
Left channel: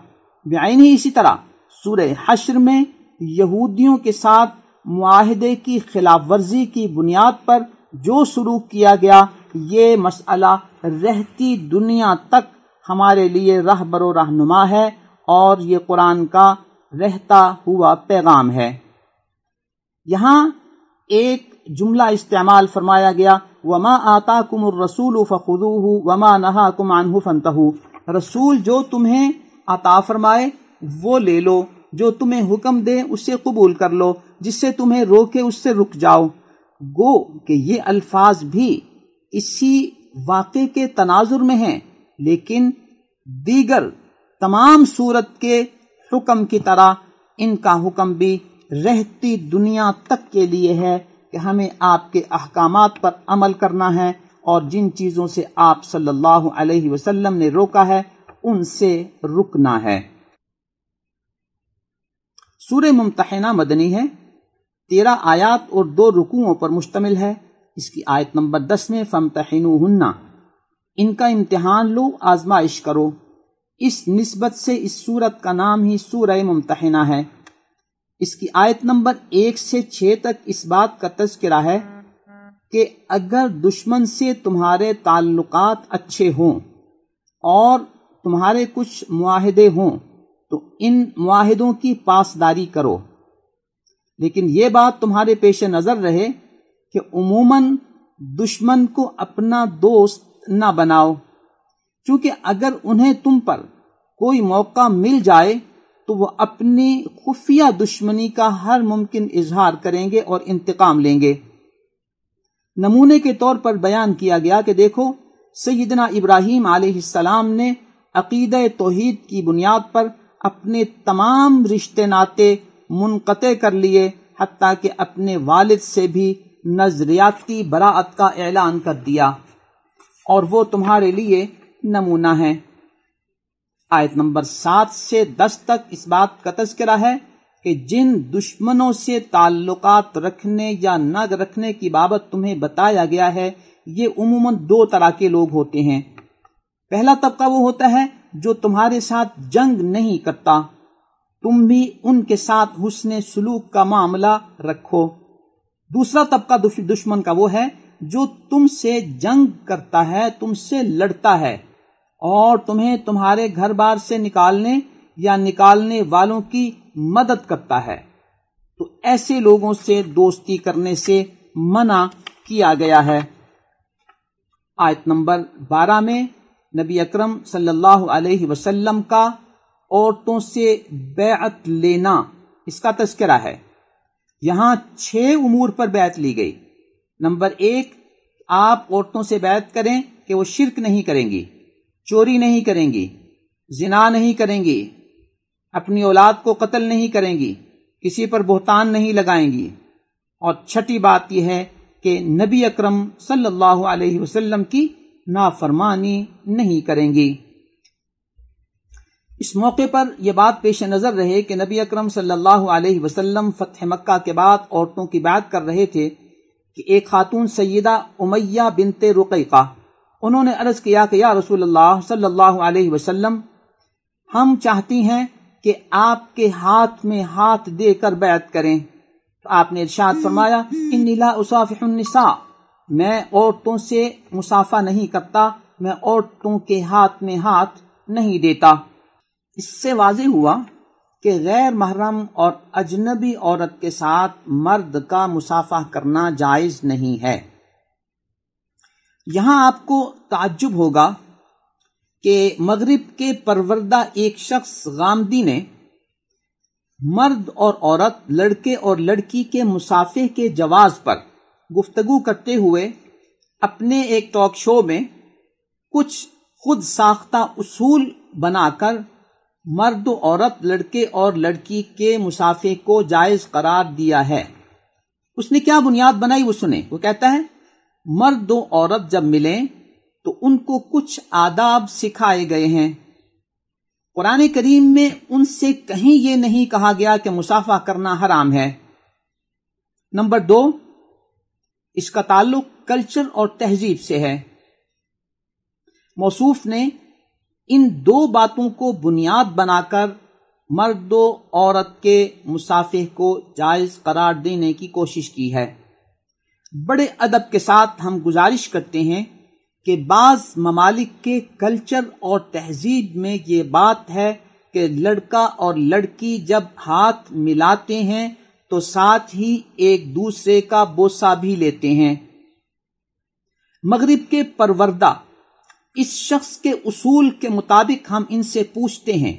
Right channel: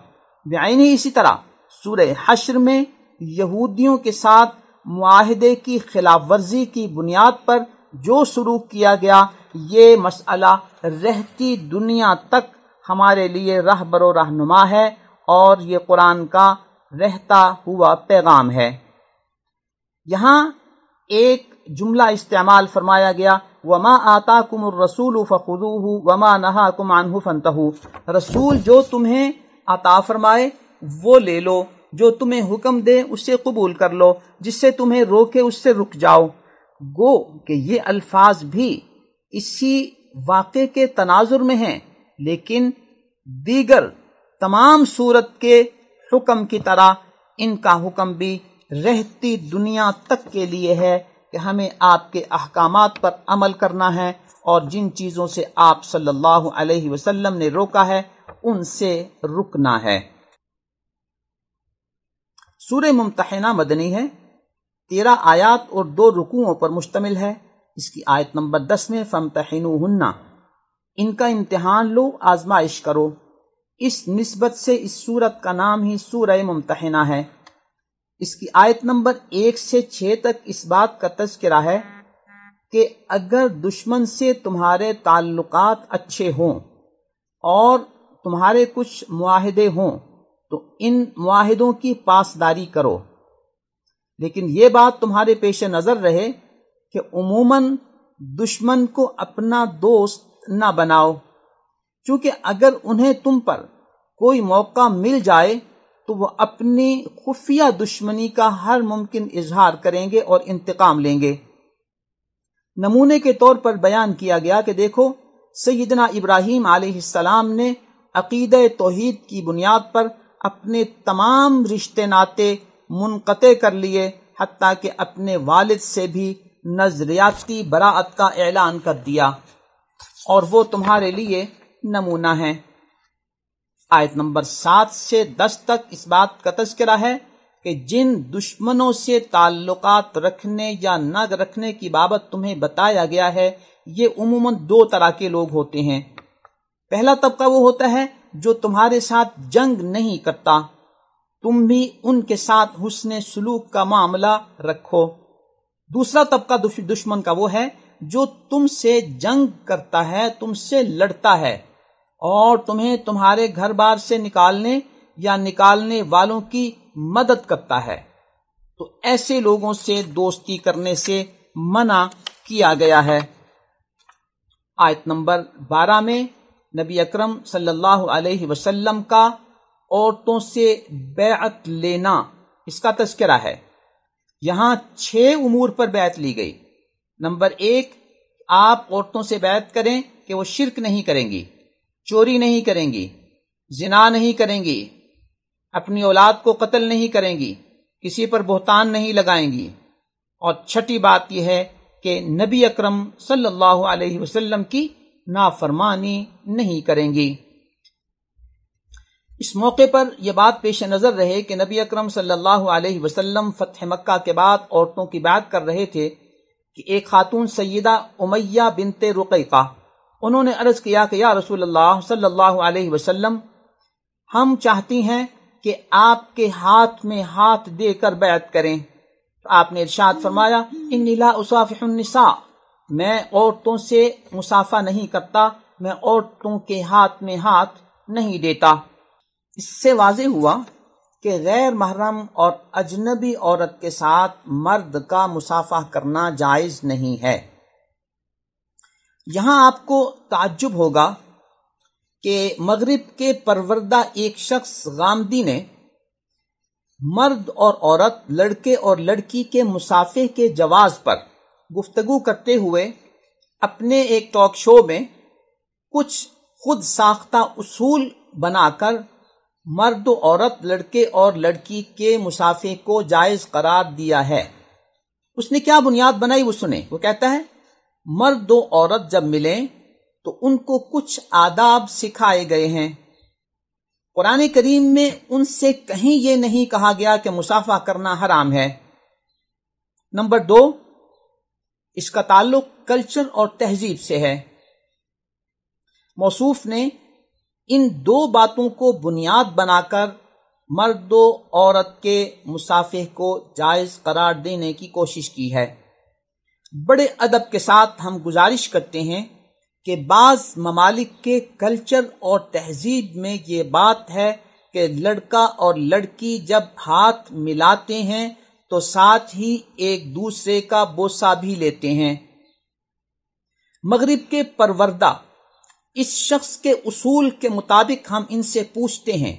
بعینی اسی طرح سورہ حشر میں یہودیوں کے ساتھ معاہدے کی خلاف ورزی کی بنیاد پر جو سلوک کیا گیا، یہ مسئلہ رہتی دنیا تک ہمارے لیے رہبر و رہنما ہے اور یہ قرآن کا رہتا ہوا پیغام ہے۔ یہاں ایک جملہ استعمال فرمایا گیا، وَمَا آتَاكُمُ الرَّسُولُ فَخُذُوهُ وَمَا نَهَاكُمْ عَنْهُ فَانْتَهُوا، رسول جو تمہیں عطا فرمائے وہ لے لو، جو تمہیں حکم دے اسے قبول کر لو، جس سے تمہیں روکے اس سے رک جاؤ۔ گو کہ یہ الفاظ بھی اسی واقعے کے تناظر میں ہیں، لیکن دیگر تمام صورت کے حکم کی طرح ان کا حکم بھی رہتی دنیا تک کے لیے ہے کہ ہمیں آپ کے احکامات پر عمل کرنا ہے اور جن چیزوں سے آپ صلی اللہ علیہ وسلم نے روکا ہے ان سے رکنا ہے۔ سورہ ممتحنہ مدنی ہے، 13 آیات اور 2 رکوعوں پر مشتمل ہے۔ اس کی آیت نمبر 10 میں فَامْتَحِنُوهُنَّ، ان کا امتحان لو، آزمائش کرو۔ اس نسبت سے اس سورت کا نام ہی سورہ ممتحنہ ہے۔ اس کی آیت نمبر 1 سے 6 تک اس بات کا تذکرہ ہے کہ اگر دشمن سے تمہارے تعلقات اچھے ہوں اور تمہارے کچھ معاہدے ہوں تو ان معاہدوں کی پاسداری کرو، لیکن یہ بات تمہارے پیش نظر رہے کہ عموماً دشمن کو اپنا دوست نہ بناؤ، چونکہ اگر انہیں تم پر کوئی موقع مل جائے تو وہ اپنی خفیہ دشمنی کا ہر ممکن اظہار کریں گے اور انتقام لیں گے۔ نمونے کے طور پر بیان کیا گیا کہ دیکھو سیدنا ابراہیم علیہ السلام نے عقیدہ توحید کی بنیاد پر اپنے تمام رشتے ناطے منقطع کر لیے، حتیٰ کہ اپنے والد سے بھی نظریاتی براءت کا اعلان کر دیا، اور وہ تمہارے لیے نمونہ ہے۔ آیت نمبر 7 سے 10 تک اس بات کا تذکرہ ہے کہ جن دشمنوں سے تعلقات رکھنے یا نہ رکھنے کی بابت تمہیں بتایا گیا ہے، یہ عموماً 2 طرح کے لوگ ہوتے ہیں۔ پہلا طبقہ وہ ہوتا ہے جو تمہارے ساتھ جنگ نہیں کرتا، تم بھی ان کے ساتھ حسن سلوک کا معاملہ رکھو۔ دوسرا طبقہ دشمن کا وہ ہے جو تم سے جنگ کرتا ہے، تم سے لڑتا ہے اور تمہیں تمہارے گھر بار سے نکالنے یا نکالنے والوں کی مدد کرتا ہے، تو ایسے لوگوں سے دوستی کرنے سے منع کیا گیا ہے۔ آیت نمبر 12 میں نبی اکرم صلی اللہ علیہ وسلم کا عورتوں سے بیعت لینا، اس کا تذکرہ ہے۔ یہاں 6 امور پر بیعت لی گئی۔ نمبر 1، آپ عورتوں سے بیعت کریں کہ وہ شرک نہیں کریں گی، چوری نہیں کریں گی، زنا نہیں کریں گی، اپنی اولاد کو قتل نہیں کریں گی، کسی پر بہتان نہیں لگائیں گی، اور چھٹی بات یہ ہے کہ نبی اکرم صلی اللہ علیہ وسلم کی نافرمانی نہیں کریں گی۔ اس موقع پر یہ بات پیش نظر رہے کہ نبی اکرم صلی اللہ علیہ وسلم فتح مکہ کے بعد عورتوں کی بیعت کر رہے تھے کہ ایک خاتون سیدہ امیہ بنت رقیقہ، انہوں نے عرض کیا کہ یا رسول اللہ صلی اللہ علیہ وسلم، ہم چاہتی ہیں کہ آپ کے ہاتھ میں ہاتھ دے کر بیعت کریں۔ تو آپ نے ارشاد فرمایا، انی لا اصافح النساء، میں عورتوں سے مصافحہ نہیں کرتا، میں عورتوں کے ہاتھ میں ہاتھ نہیں دیتا۔ اس سے واضح ہوا کہ غیر محرم اور اجنبی عورت کے ساتھ مرد کا مصافحہ کرنا جائز نہیں ہے۔ یہاں آپ کو تعجب ہوگا کہ مغرب کے پروردہ ایک شخص غامدی نے مرد اور عورت، لڑکے اور لڑکی کے مصافحے کے جواز پر گفتگو کرتے ہوئے اپنے ایک ٹاک شو میں کچھ خود ساختہ اصول بنا کر مرد و عورت، لڑکے اور لڑکی کے مصافحے کو جائز قرار دیا ہے۔ اس نے کیا بنیاد بنائی وہ سنیں۔ وہ کہتا ہے مرد و عورت جب ملیں تو ان کو کچھ آداب سکھائے گئے ہیں۔ قرآن کریم میں ان سے کہیں یہ نہیں کہا گیا کہ مصافحہ کرنا حرام ہے۔ نمبر 2، اس کا تعلق کلچر اور تہذیب سے ہے۔ موصوف نے ان دو باتوں کو بنیاد بنا کر مرد و عورت کے مصافحے کو جائز قرار دینے کی کوشش کی ہے۔ بڑے ادب کے ساتھ ہم گزارش کرتے ہیں کہ بعض ممالک کے کلچر اور تہذیب میں یہ بات ہے کہ لڑکا اور لڑکی جب ہاتھ ملاتے ہیں تو ساتھ ہی ایک دوسرے کا بوسہ بھی لیتے ہیں۔ مغرب کے پروردہ اس شخص کے اصول کے مطابق ہم ان سے پوچھتے ہیں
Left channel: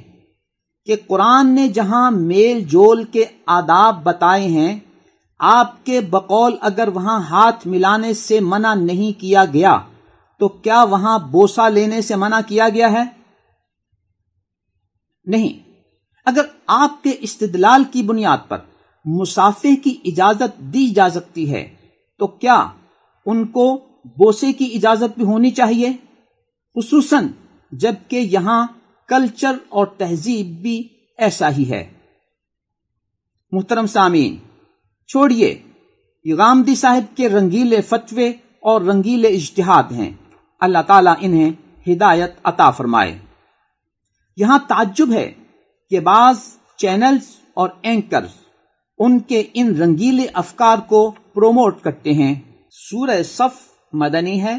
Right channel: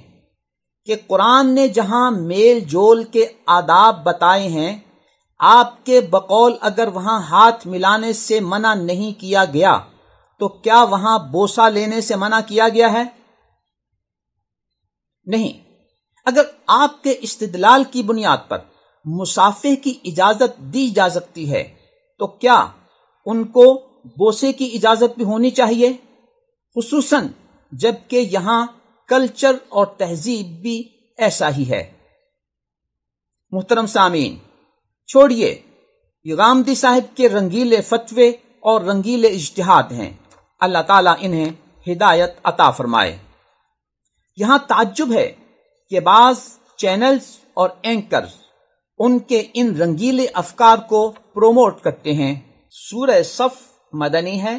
کہ قرآن نے جہاں میل جول کے آداب بتائے ہیں، آپ کے بقول اگر وہاں ہاتھ ملانے سے منع نہیں کیا گیا تو کیا وہاں بوسہ لینے سے منع کیا گیا ہے؟ نہیں۔ اگر آپ کے استدلال کی بنیاد پر مصافحے کی اجازت دی جا سکتی ہے تو کیا ان کو بوسے کی اجازت بھی ہونی چاہیے، خصوصاً جبکہ یہاں کلچر اور تہذیب بھی ایسا ہی ہے۔ محترم سامعین، چھوڑیے یہ غامدی صاحب کے رنگیلے فتوے اور رنگیلے اجتہاد ہیں، اللہ تعالیٰ انہیں ہدایت عطا فرمائے۔ یہاں تعجب ہے کہ بعض چینلز اور اینکرز ان کے ان رنگیلے افکار کو پروموٹ کرتے ہیں۔ سورہ صف مدنی ہے،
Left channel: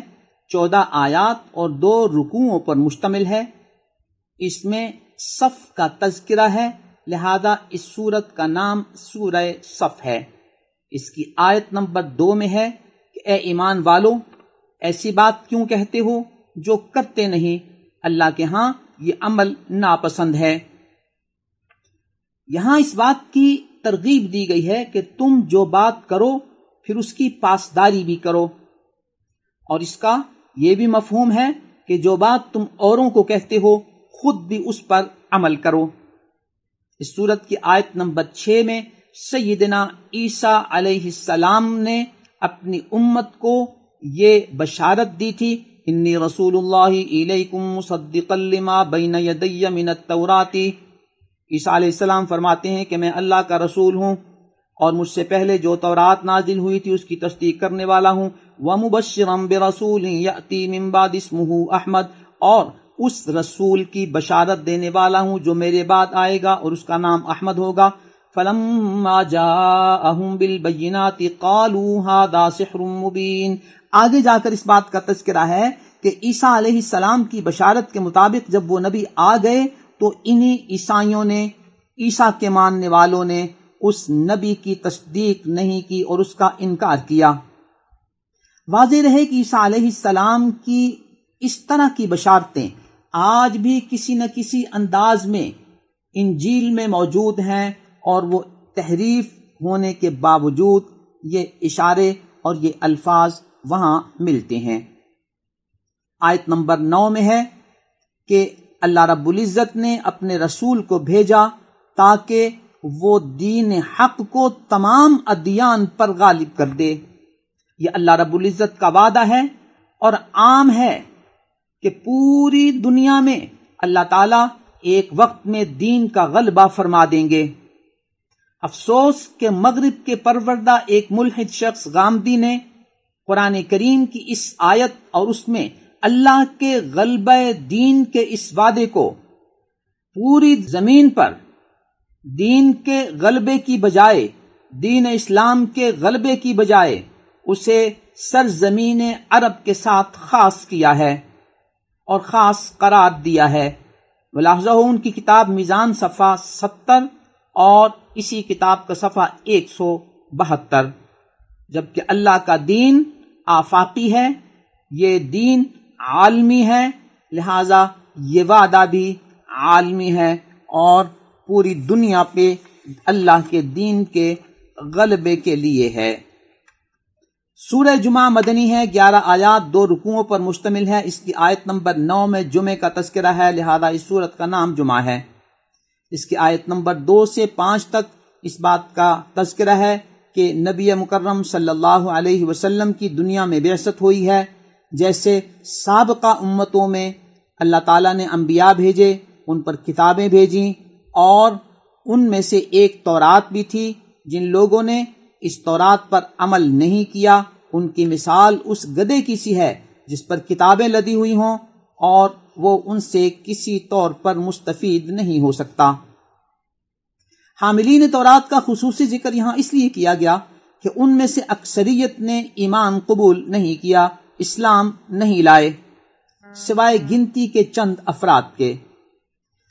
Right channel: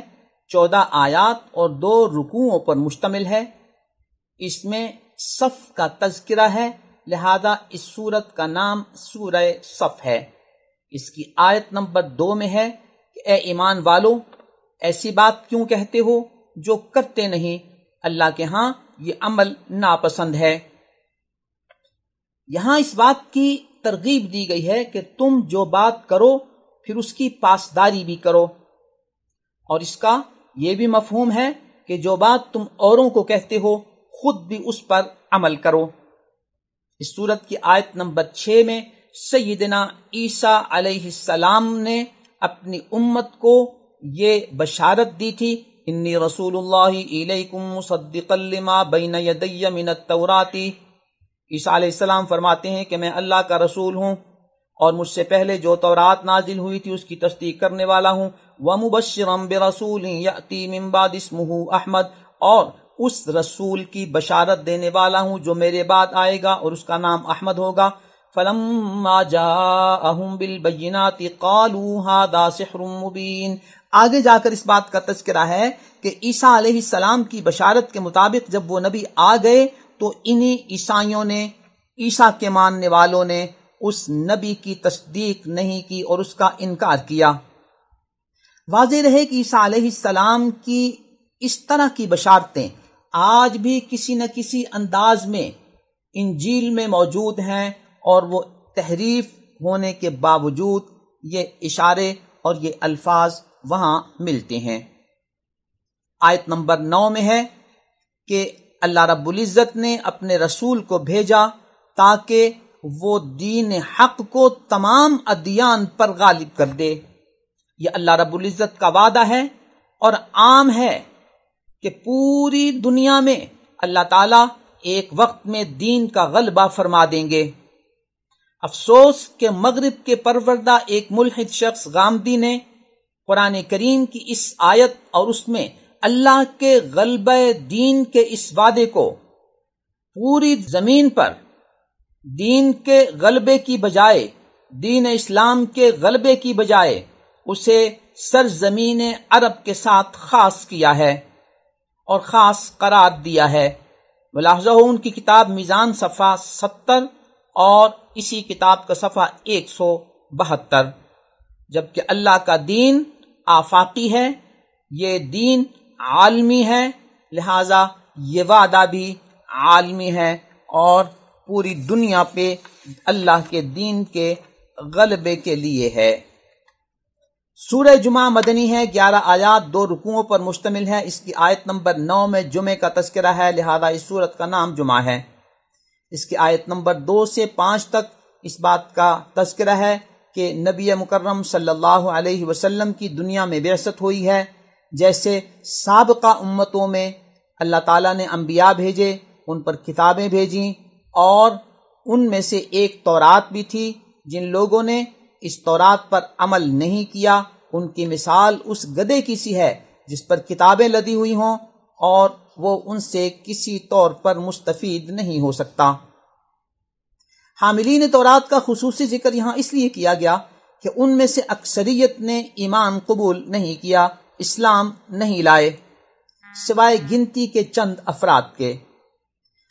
14 آیات اور 2 رکوعوں پر مشتمل ہے۔ اس میں صف کا تذکرہ ہے، لہذا اس سورت کا نام سورہ صف ہے۔ اس کی آیت نمبر 2 میں ہے کہ اے ایمان والو، ایسی بات کیوں کہتے ہو جو کرتے نہیں، اللہ کے ہاں یہ عمل ناپسند ہے۔ یہاں اس بات کی ترغیب دی گئی ہے کہ تم جو بات کرو پھر اس کی پاسداری بھی کرو، اور اس کا یہ بھی مفہوم ہے کہ جو بات تم اوروں کو کہتے ہو خود بھی اس پر عمل کرو۔ اس سورت کی آیت نمبر 6 میں سیدنا عیسیٰ علیہ السلام نے اپنی امت کو یہ بشارت دی تھی، انی رسول اللہ الیکم مصدقا لما بین یدی من التوراۃ۔ عیسیٰ علیہ السلام فرماتے ہیں کہ میں اللہ کا رسول ہوں اور مجھ سے پہلے جو تورات نازل ہوئی تھی اس کی تصدیق کرنے والا ہوں، وَمُبَشِّرًا بِرَسُولٍ يَأْتِي مِن بَعْدِ اسْمُهُ احمد، اور اس رسول کی بشارت دینے والا ہوں جو میرے بعد آئے گا اور اس کا نام احمد ہوگا۔ فَلَمَّا جَاءَهُم بِالْبَيِّنَاتِ قَالُوا هَذَا سِحْرٌ مُبِينٌ۔ آگے جا کر اس بات کا تذکرہ ہے کہ عیسیٰ علیہ السلام کی بشارت کے مطابق جب وہ نبی آ گئے تو انہی عیسائیوں نے، عیسیٰ کے ماننے والوں نے اس نبی کی تصدیق نہیں کی اور اس کا انکار کیا۔ واضح رہے کہ عیسیٰ علیہ السلام کی اس طرح کی بشارتیں آج بھی کسی نہ کسی انداز میں انجیل میں موجود ہیں، اور وہ تحریف ہونے کے باوجود یہ اشارے اور یہ الفاظ وہاں ملتے ہیں۔ آیت نمبر 9 میں ہے کہ اللہ رب العزت نے اپنے رسول کو بھیجا تاکہ وہ دین حق کو تمام ادیان پر غالب کر دے۔ یہ اللہ رب العزت کا وعدہ ہے اور عام ہے کہ پوری دنیا میں اللہ تعالیٰ ایک وقت میں دین کا غلبہ فرما دیں گے۔ افسوس کہ مغرب کے پروردہ ایک ملحد شخص غامدی نے قرآن کریم کی اس آیت اور اس میں اللہ کے غلبہ دین کے اس وعدے کو پوری زمین پر دین کے غلبے کی بجائے، دین اسلام کے غلبے کی بجائے اسے سرزمین عرب کے ساتھ خاص کیا ہے۔ اور خاص قرار دیا ہے۔ ملاحظہ ہو ان کی کتاب میزان صفحہ 70 اور اسی کتاب کا صفحہ 172، جبکہ اللہ کا دین آفاقی ہے، یہ دین عالمی ہے، لہذا یہ وعدہ بھی عالمی ہے اور پوری دنیا پہ اللہ کے دین کے غلبے کے لیے ہے۔ سورہ جمعہ مدنی ہے، 11 آیات 2 رکوعوں پر مشتمل ہے۔ اس کی آیت نمبر 9 میں جمعے کا تذکرہ ہے، لہذا اس سورت کا نام جمعہ ہے۔ اس کی آیت نمبر 2 سے 5 تک اس بات کا تذکرہ ہے کہ نبی مکرم صلی اللہ علیہ وسلم کی دنیا میں بعثت ہوئی ہے۔ جیسے سابقہ امتوں میں اللہ تعالیٰ نے انبیاء بھیجے، ان پر کتابیں بھیجیں، اور ان میں سے ایک تورات بھی تھی۔ جن لوگوں نے اس تورات پر عمل نہیں کیا، ان کی مثال اس گدھے کی سی ہے جس پر کتابیں لدی ہوئی ہوں اور وہ ان سے کسی طور پر مستفید نہیں ہو سکتا۔ حاملین تورات کا خصوصی ذکر یہاں اس لیے کیا گیا کہ ان میں سے اکثریت نے ایمان قبول نہیں کیا، اسلام نہیں لائے، سوائے گنتی کے چند افراد کے۔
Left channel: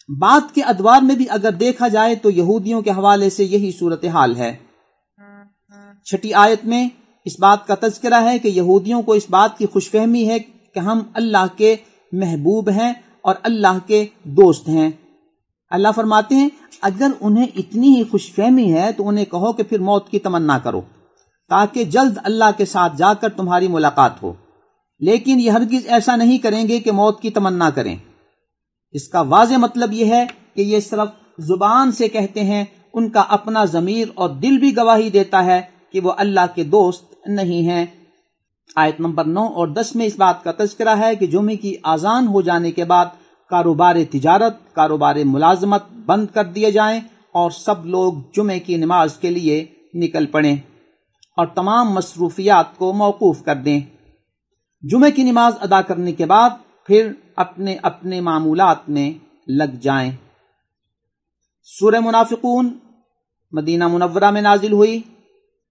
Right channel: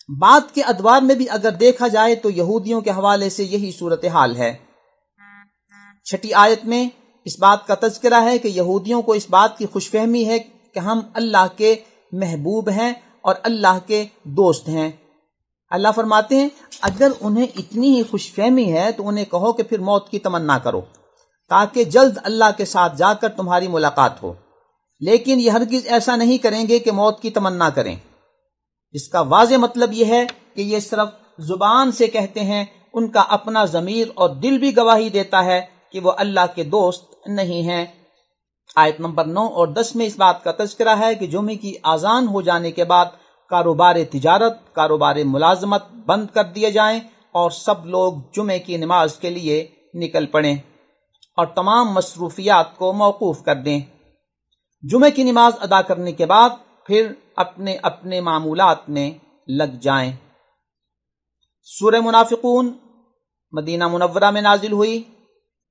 بعد کے ادوار میں بھی اگر دیکھا جائے تو یہودیوں کے حوالے سے یہی صورتحال ہے۔ 6 آیت میں اس بات کا تذکرہ ہے کہ یہودیوں کو اس بات کی خوش فہمی ہے کہ ہم اللہ کے محبوب ہیں اور اللہ کے دوست ہیں۔ اللہ فرماتے ہیں اگر انہیں اتنی ہی خوش فہمی ہے تو انہیں کہو کہ پھر موت کی تمنا کرو تاکہ جلد اللہ کے ساتھ جا کر تمہاری ملاقات ہو، لیکن یہ ہرگز ایسا نہیں کریں گے کہ موت کی تمنا کریں۔ اس کا واضح مطلب یہ ہے کہ یہ صرف زبان سے کہتے ہیں، ان کا اپنا ضمیر اور دل بھی گواہی دیتا ہے کہ وہ اللہ کے دوست نہیں ہیں۔ آیت نمبر 9 اور 10 میں اس بات کا تذکرہ ہے کہ جمعے کی اذان ہو جانے کے بعد کاروبار تجارت، کاروبار ملازمت بند کر دیے جائیں اور سب لوگ جمعے کی نماز کے لیے نکل پڑیں اور تمام مصروفیات کو موقوف کر دیں۔ جمعے کی نماز ادا کرنے کے بعد پھر اپنے اپنے معمولات میں لگ جائیں۔ سورہ منافقون مدینہ منورہ میں نازل ہوئی،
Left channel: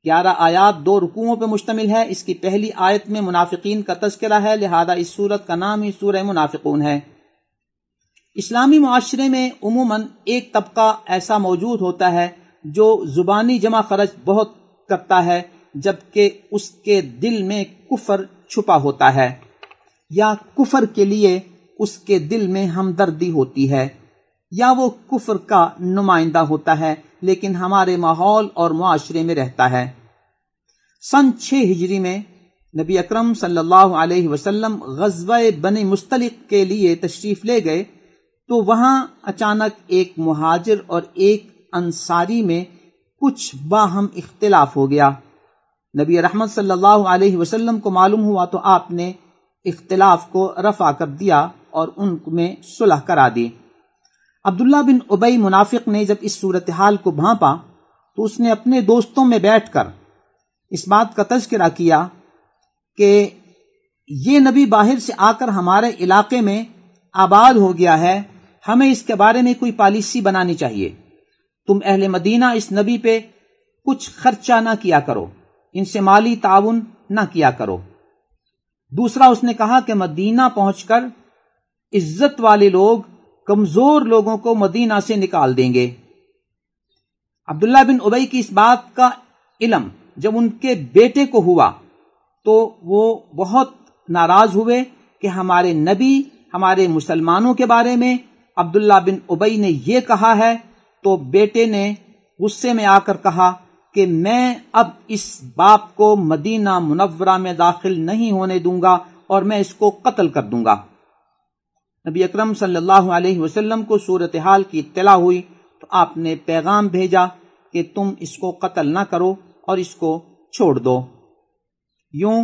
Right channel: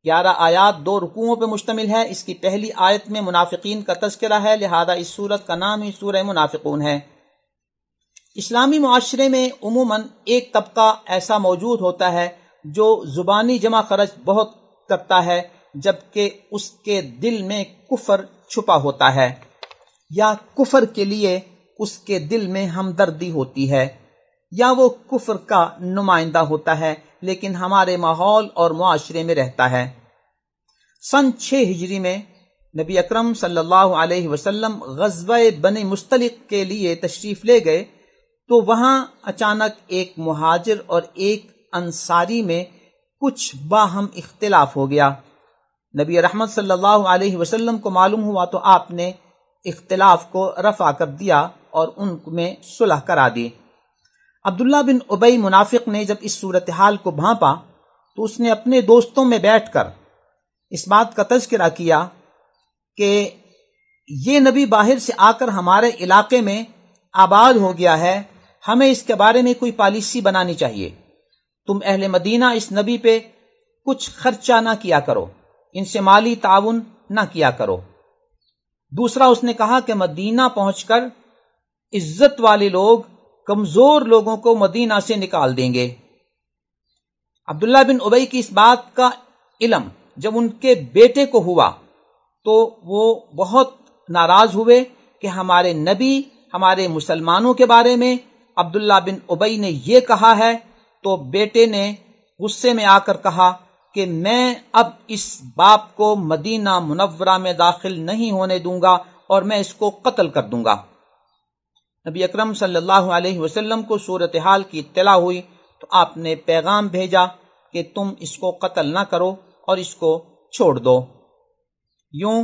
11 آیات 2 رکوعوں پر مشتمل ہے۔ اس کی پہلی آیت میں منافقین کا تذکرہ ہے، لہذا اس سورت کا نام ہی سورہ منافقون ہے۔ اسلامی معاشرے میں عموماً ایک طبقہ ایسا موجود ہوتا ہے جو زبانی جمع خرچ بہت کرتا ہے جبکہ اس کے دل میں کفر چھپا ہوتا ہے، یا کفر کے لیے اس کے دل میں ہمدردی ہوتی ہے، یا وہ کفر کا نمائندہ ہوتا ہے لیکن ہمارے ماحول اور معاشرے میں رہتا ہے۔ سن 6 ہجری میں نبی اکرم صلی اللہ علیہ وسلم غزوہ بنی مستلق کے لیے تشریف لے گئے تو وہاں اچانک ایک مہاجر اور ایک انصاری میں کچھ باہم اختلاف ہو گیا۔ نبی رحمت صلی اللہ علیہ وسلم کو معلوم ہوا تو آپ نے اختلاف کو رفع کر دیا اور ان میں صلح کرا دی۔ عبداللہ بن ابی منافق نے جب اس صورتحال کو بھانپا تو اس نے اپنے دوستوں میں بیٹھ کر اس بات کا تذکرہ کیا کہ یہ نبی باہر سے آ کر ہمارے علاقے میں آباد ہو گیا ہے، ہمیں اس کے بارے میں کوئی پالیسی بنانی چاہیے۔ تم اہل مدینہ اس نبی پہ کچھ خرچہ نہ کیا کرو، ان سے مالی تعاون نہ کیا کرو۔ دوسرا اس نے کہا کہ مدینہ پہنچ کر عزت والے لوگ کمزور لوگوں کو مدینہ سے نکال دیں گے۔ عبداللہ بن ابی کی اس بات کا علم جب ان کے بیٹے کو ہوا تو وہ بہت ناراض ہوئے کہ ہمارے نبی ہمارے مسلمانوں کے بارے میں عبداللہ بن ابی نے یہ کہا ہے، تو بیٹے نے غصے میں آ کر کہا کہ میں اب اس باپ کو مدینہ منورہ میں داخل نہیں ہونے دوں گا اور میں اس کو قتل کر دوں گا۔ نبی اکرم صلی اللہ علیہ وسلم کو صورتحال کی اطلاع ہوئی تو آپ نے پیغام بھیجا کہ تم اس کو قتل نہ کرو اور اس کو چھوڑ دو۔ یوں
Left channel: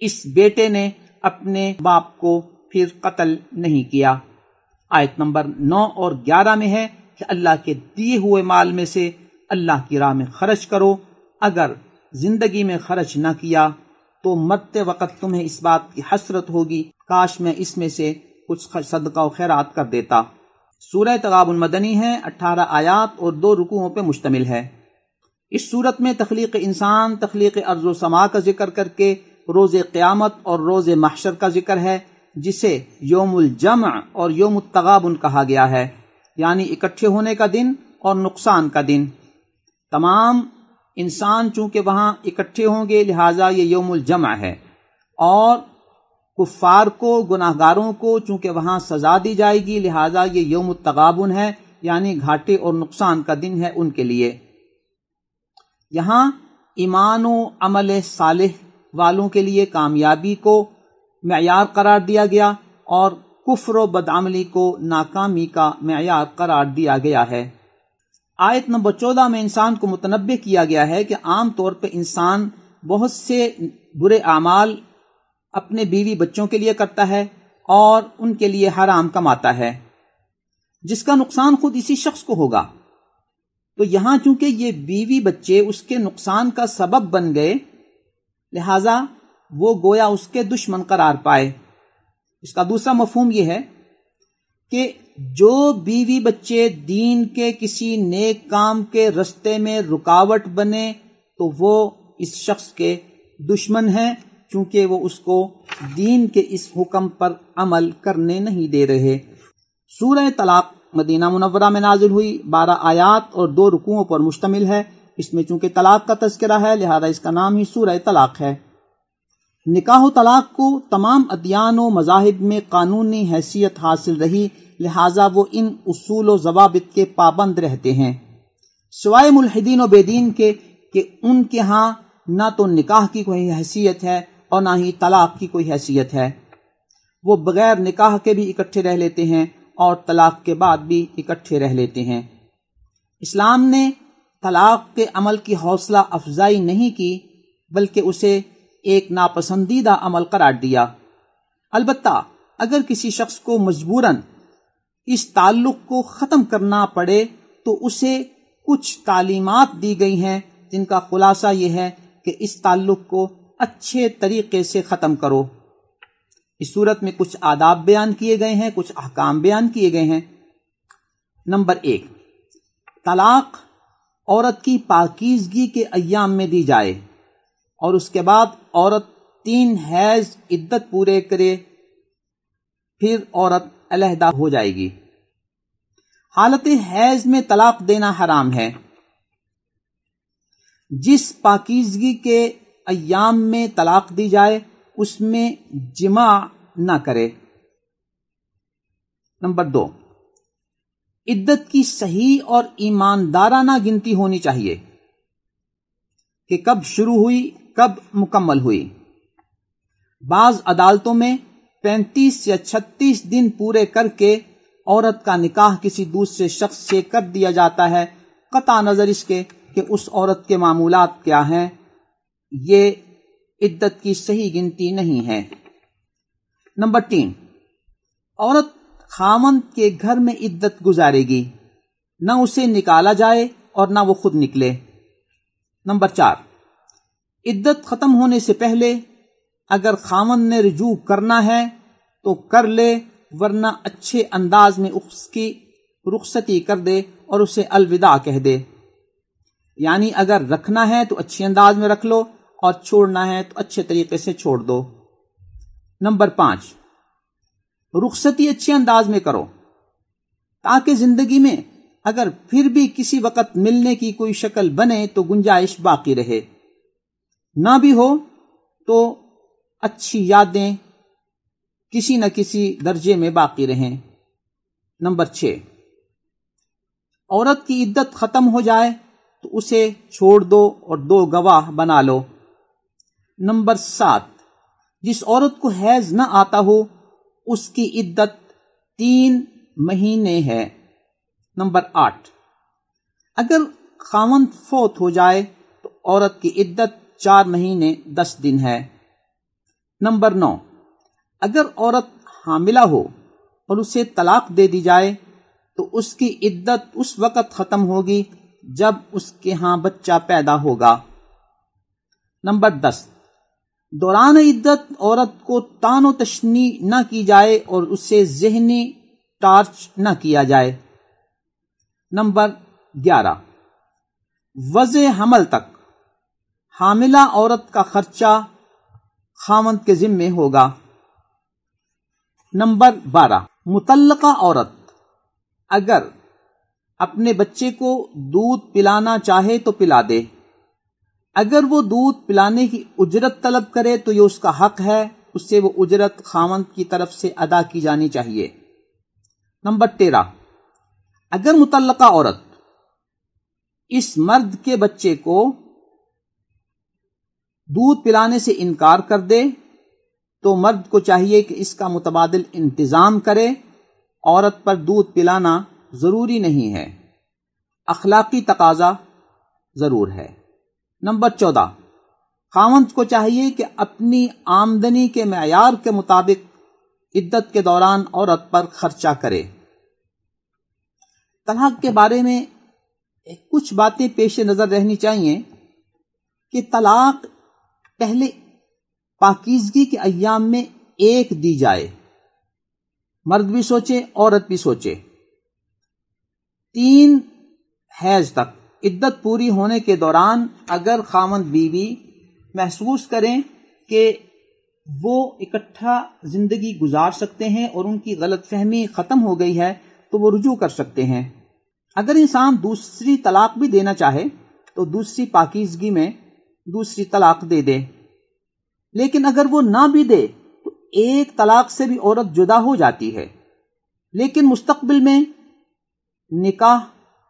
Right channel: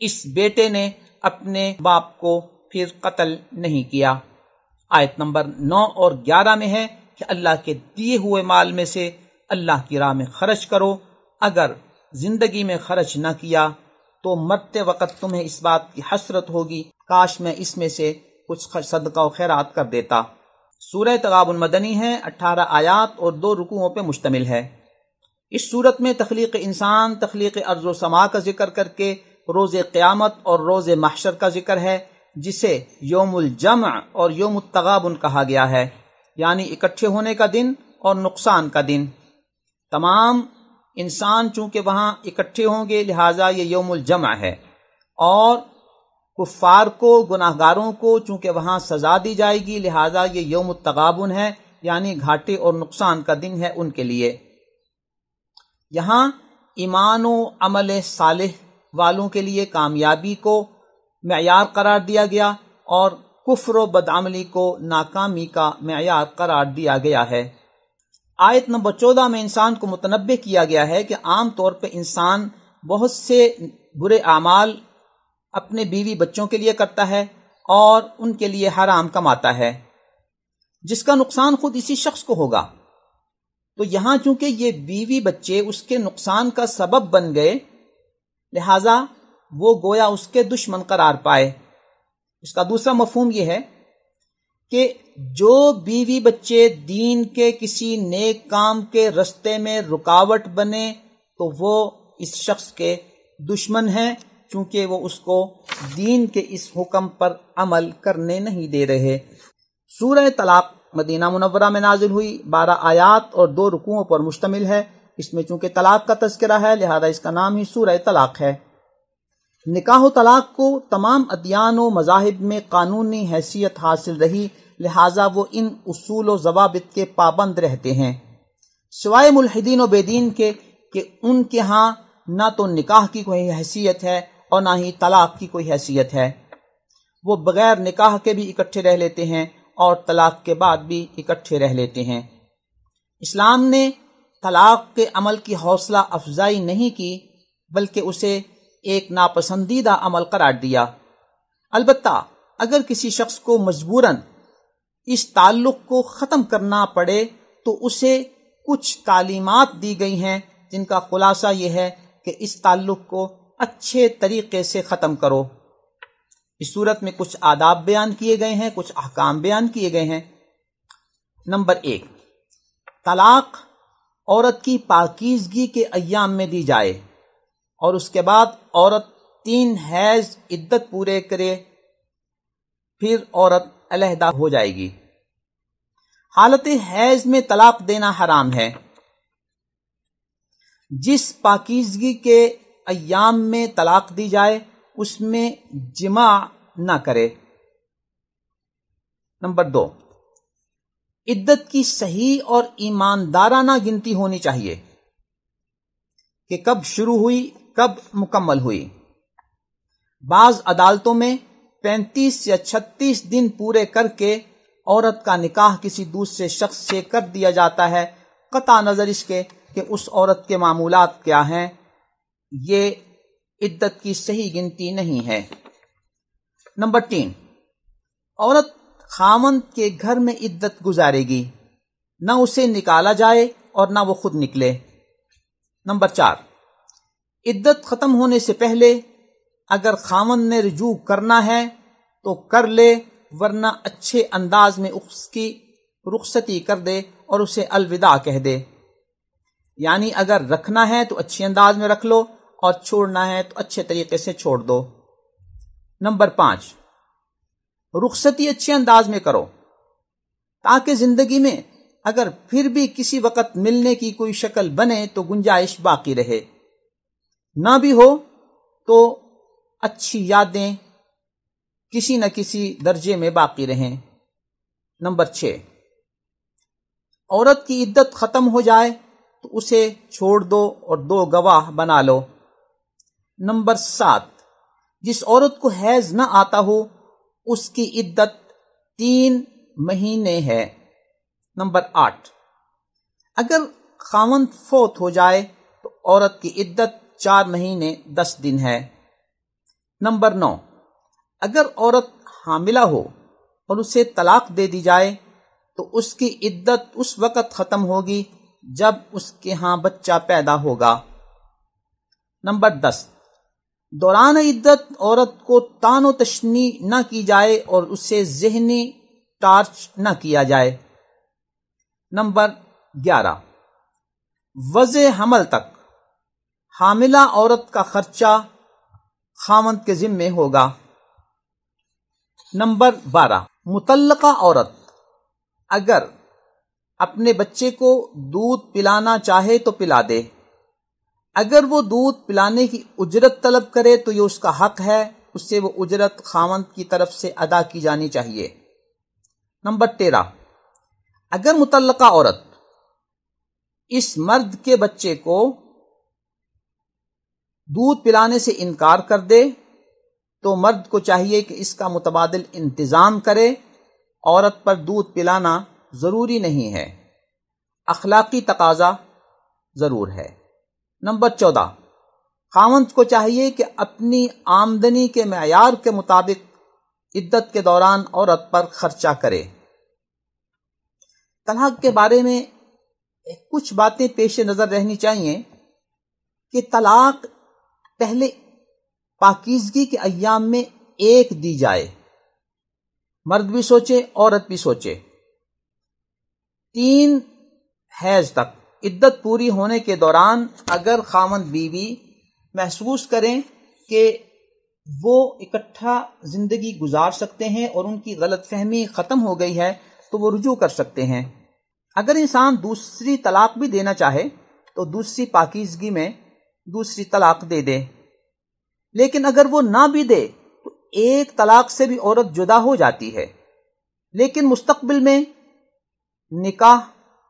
اس بیٹے نے اپنے باپ کو پھر قتل نہیں کیا۔ آیت نمبر 9 اور 11 میں ہے کہ اللہ کے دیے ہوئے مال میں سے اللہ کی راہ میں خرچ کرو، اگر زندگی میں خرچ نہ کیا تو مرتے وقت تمہیں اس بات کی حسرت ہوگی کاش میں اس میں سے کچھ صدقہ و خیرات کر دیتا۔ سورہ تغابن مدنی ہے، 18 آیات اور 2 رکوعوں پہ مشتمل ہے۔ اس صورت میں تخلیق انسان، تخلیق ارض و سما کا ذکر کر کے روز قیامت اور روز محشر کا ذکر ہے، جسے یوم الجمع اور یوم التغابن کہا گیا ہے، یعنی اکٹھے ہونے کا دن اور نقصان کا دن۔ تمام انسان چونکہ وہاں اکٹھے ہوں گے لہٰذا یہ یوم الجمع ہے، اور کفار کو، گناہگاروں کو چونکہ وہاں سزا دی جائے گی لہٰذا یہ یوم التغابن ہے، یعنی گھاٹے اور نقصان کا دن ہے ان کے لیے۔ یہاں ایمان و عمل صالح والوں کے لیے کامیابی کو معیار قرار دیا گیا اور کفر و بدعملی کو ناکامی کا معیار قرار دیا گیا ہے۔ آیت نمبر 14 میں انسان کو متنبہ کیا گیا ہے کہ عام طور پہ انسان بہت سے برے اعمال اپنے بیوی بچوں کے لیے کرتا ہے اور ان کے لیے حرام کماتا ہے، جس کا نقصان خود اسی شخص کو ہوگا۔ تو یہاں چونکہ یہ بیوی بچے اس کے نقصان کا سبب بن گئے لہذا وہ گویا اس کے دشمن قرار پائے۔ اس کا دوسرا مفہوم یہ ہے کہ جو بیوی بچے دین کے کسی نیک کام کے رستے میں رکاوٹ بنے تو وہ اس شخص کے دشمن ہیں، چونکہ وہ اس کو دین کے اس حکم پر عمل کرنے نہیں دے رہے۔ سورہ طلاق مدینہ منورہ میں نازل ہوئی، 12 آیات اور 2 رکوعوں پر مشتمل ہے۔ اس میں چونکہ طلاق کا تذکرہ ہے لہذا اس کا نام ہی سورہ طلاق ہے۔ نکاح و طلاق کو تمام ادیان و مذاہب میں قانونی حیثیت حاصل رہی لہذا وہ ان اصول و ضوابط کے پابند رہتے ہیں، سوائے ملحدین و بے دین کے کہ ان کے ہاں نہ تو نکاح کی کوئی حیثیت ہے اور نہ ہی طلاق کی کوئی حیثیت ہے۔ وہ بغیر نکاح کے بھی اکٹھے رہ لیتے ہیں اور طلاق کے بعد بھی اکٹھے رہ لیتے ہیں۔ اسلام نے طلاق کے عمل کی حوصلہ افزائی نہیں کی بلکہ اسے ایک ناپسندیدہ عمل قرار دیا۔ البتہ اگر کسی شخص کو مجبوراً اس تعلق کو ختم کرنا پڑے تو اسے کچھ تعلیمات دی گئی ہیں جن کا خلاصہ یہ ہے کہ اس تعلق کو اچھے طریقے سے ختم کرو۔ اس صورت میں کچھ آداب بیان کیے گئے ہیں، کچھ احکام بیان کیے گئے ہیں۔ نمبر 1، طلاق عورت کی پاکیزگی کے ایام میں دی جائے اور اس کے بعد عورت 3 حیض عدت پورے کرے، پھر عورت علیحدہ ہو جائے گی۔ حالت حیض میں طلاق دینا حرام ہے۔ جس پاکیزگی کے ایام میں طلاق دی جائے اس میں جماع نہ کرے۔ نمبر 2، عدت کی صحیح اور ایماندارانہ گنتی ہونی چاہیے کہ کب شروع ہوئی کب مکمل ہوئی۔ بعض عدالتوں میں 35 یا 36 دن پورے کر کے عورت کا نکاح کسی دوسرے شخص سے کر دیا جاتا ہے، قطع نظر اس کے کہ اس عورت کے معمولات کیا ہیں۔ یہ عدت کی صحیح گنتی نہیں ہے۔ نمبر 3، عورت خاوند کے گھر میں عدت گزارے گی، نہ اسے نکالا جائے اور نہ وہ خود نکلے۔ نمبر 4، عدت ختم ہونے سے پہلے اگر خاوند نے رجوع کرنا ہے تو کر لے، ورنہ اچھے انداز میں اس کی رخصتی کر دے اور اسے الوداع کہہ دے۔ یعنی اگر رکھنا ہے تو اچھے انداز میں رکھ لو اور چھوڑنا ہے تو اچھے طریقے سے چھوڑ دو۔ نمبر 5، رخصتی اچھے انداز میں کرو تاکہ زندگی میں اگر پھر بھی کسی وقت ملنے کی کوئی شکل بنے تو گنجائش باقی رہے، نہ بھی ہو تو اچھی یادیں کسی نہ کسی درجے میں باقی رہیں۔ نمبر 6، عورت کی عدت ختم ہو جائے تو اسے چھوڑ دو اور 2 گواہ بنا لو۔ نمبر 7، جس عورت کو حیض نہ آتا ہو اس کی عدت 3 مہینے ہے۔ نمبر 8، اگر خاوند فوت ہو جائے تو عورت کی عدت 4 مہینے 10 دن ہے۔ نمبر 9، اگر عورت حاملہ ہو اور اسے طلاق دے دی جائے تو اس کی عدت اس وقت ختم ہوگی جب اس کے ہاں بچہ پیدا ہوگا۔ نمبر 10، دوران عدت عورت کو طعن و تشنیع نہ کی جائے اور اسے ذہنی ٹارچ نہ کیا جائے۔ نمبر 11، وضع حمل تک حاملہ عورت کا خرچہ خاوند کے ذمے ہوگا۔ نمبر 12، مطلقہ عورت اگر اپنے بچے کو دودھ پلانا چاہے تو پلا دے، اگر وہ دودھ پلانے کی اجرت طلب کرے تو یہ اس کا حق ہے، اس سے وہ اجرت خاوند کی طرف سے ادا کی جانی چاہیے۔ نمبر 13، اگر مطلقہ عورت اس مرد کے بچے کو دودھ پلانے سے انکار کر دے تو مرد کو چاہیے کہ اس کا متبادل انتظام کرے۔ عورت پر دودھ پلانا ضروری نہیں ہے، اخلاقی تقاضا ضرور ہے۔ نمبر 14، خاوند کو چاہیے کہ اپنی آمدنی کے معیار کے مطابق عدت کے دوران عورت پر خرچہ کرے۔ طلاق کے بارے میں کچھ باتیں پیش نظر رہنی چاہیے کہ طلاق پہلے پاکیزگی کے ایام میں ایک دی جائے، مرد بھی سوچے عورت بھی سوچے۔ 3 حیض تک عدت پوری ہونے کے دوران اگر خاوند بیوی محسوس کریں کہ وہ اکٹھا زندگی گزار سکتے ہیں اور ان کی غلط فہمی ختم ہو گئی ہے تو وہ رجوع کر سکتے ہیں۔ اگر انسان دوسری طلاق بھی دینا چاہے تو دوسری پاکیزگی میں دوسری طلاق دے دے، لیکن اگر وہ نہ بھی دے تو ایک طلاق سے بھی عورت جدا ہو جاتی ہے، لیکن مستقبل میں نکاح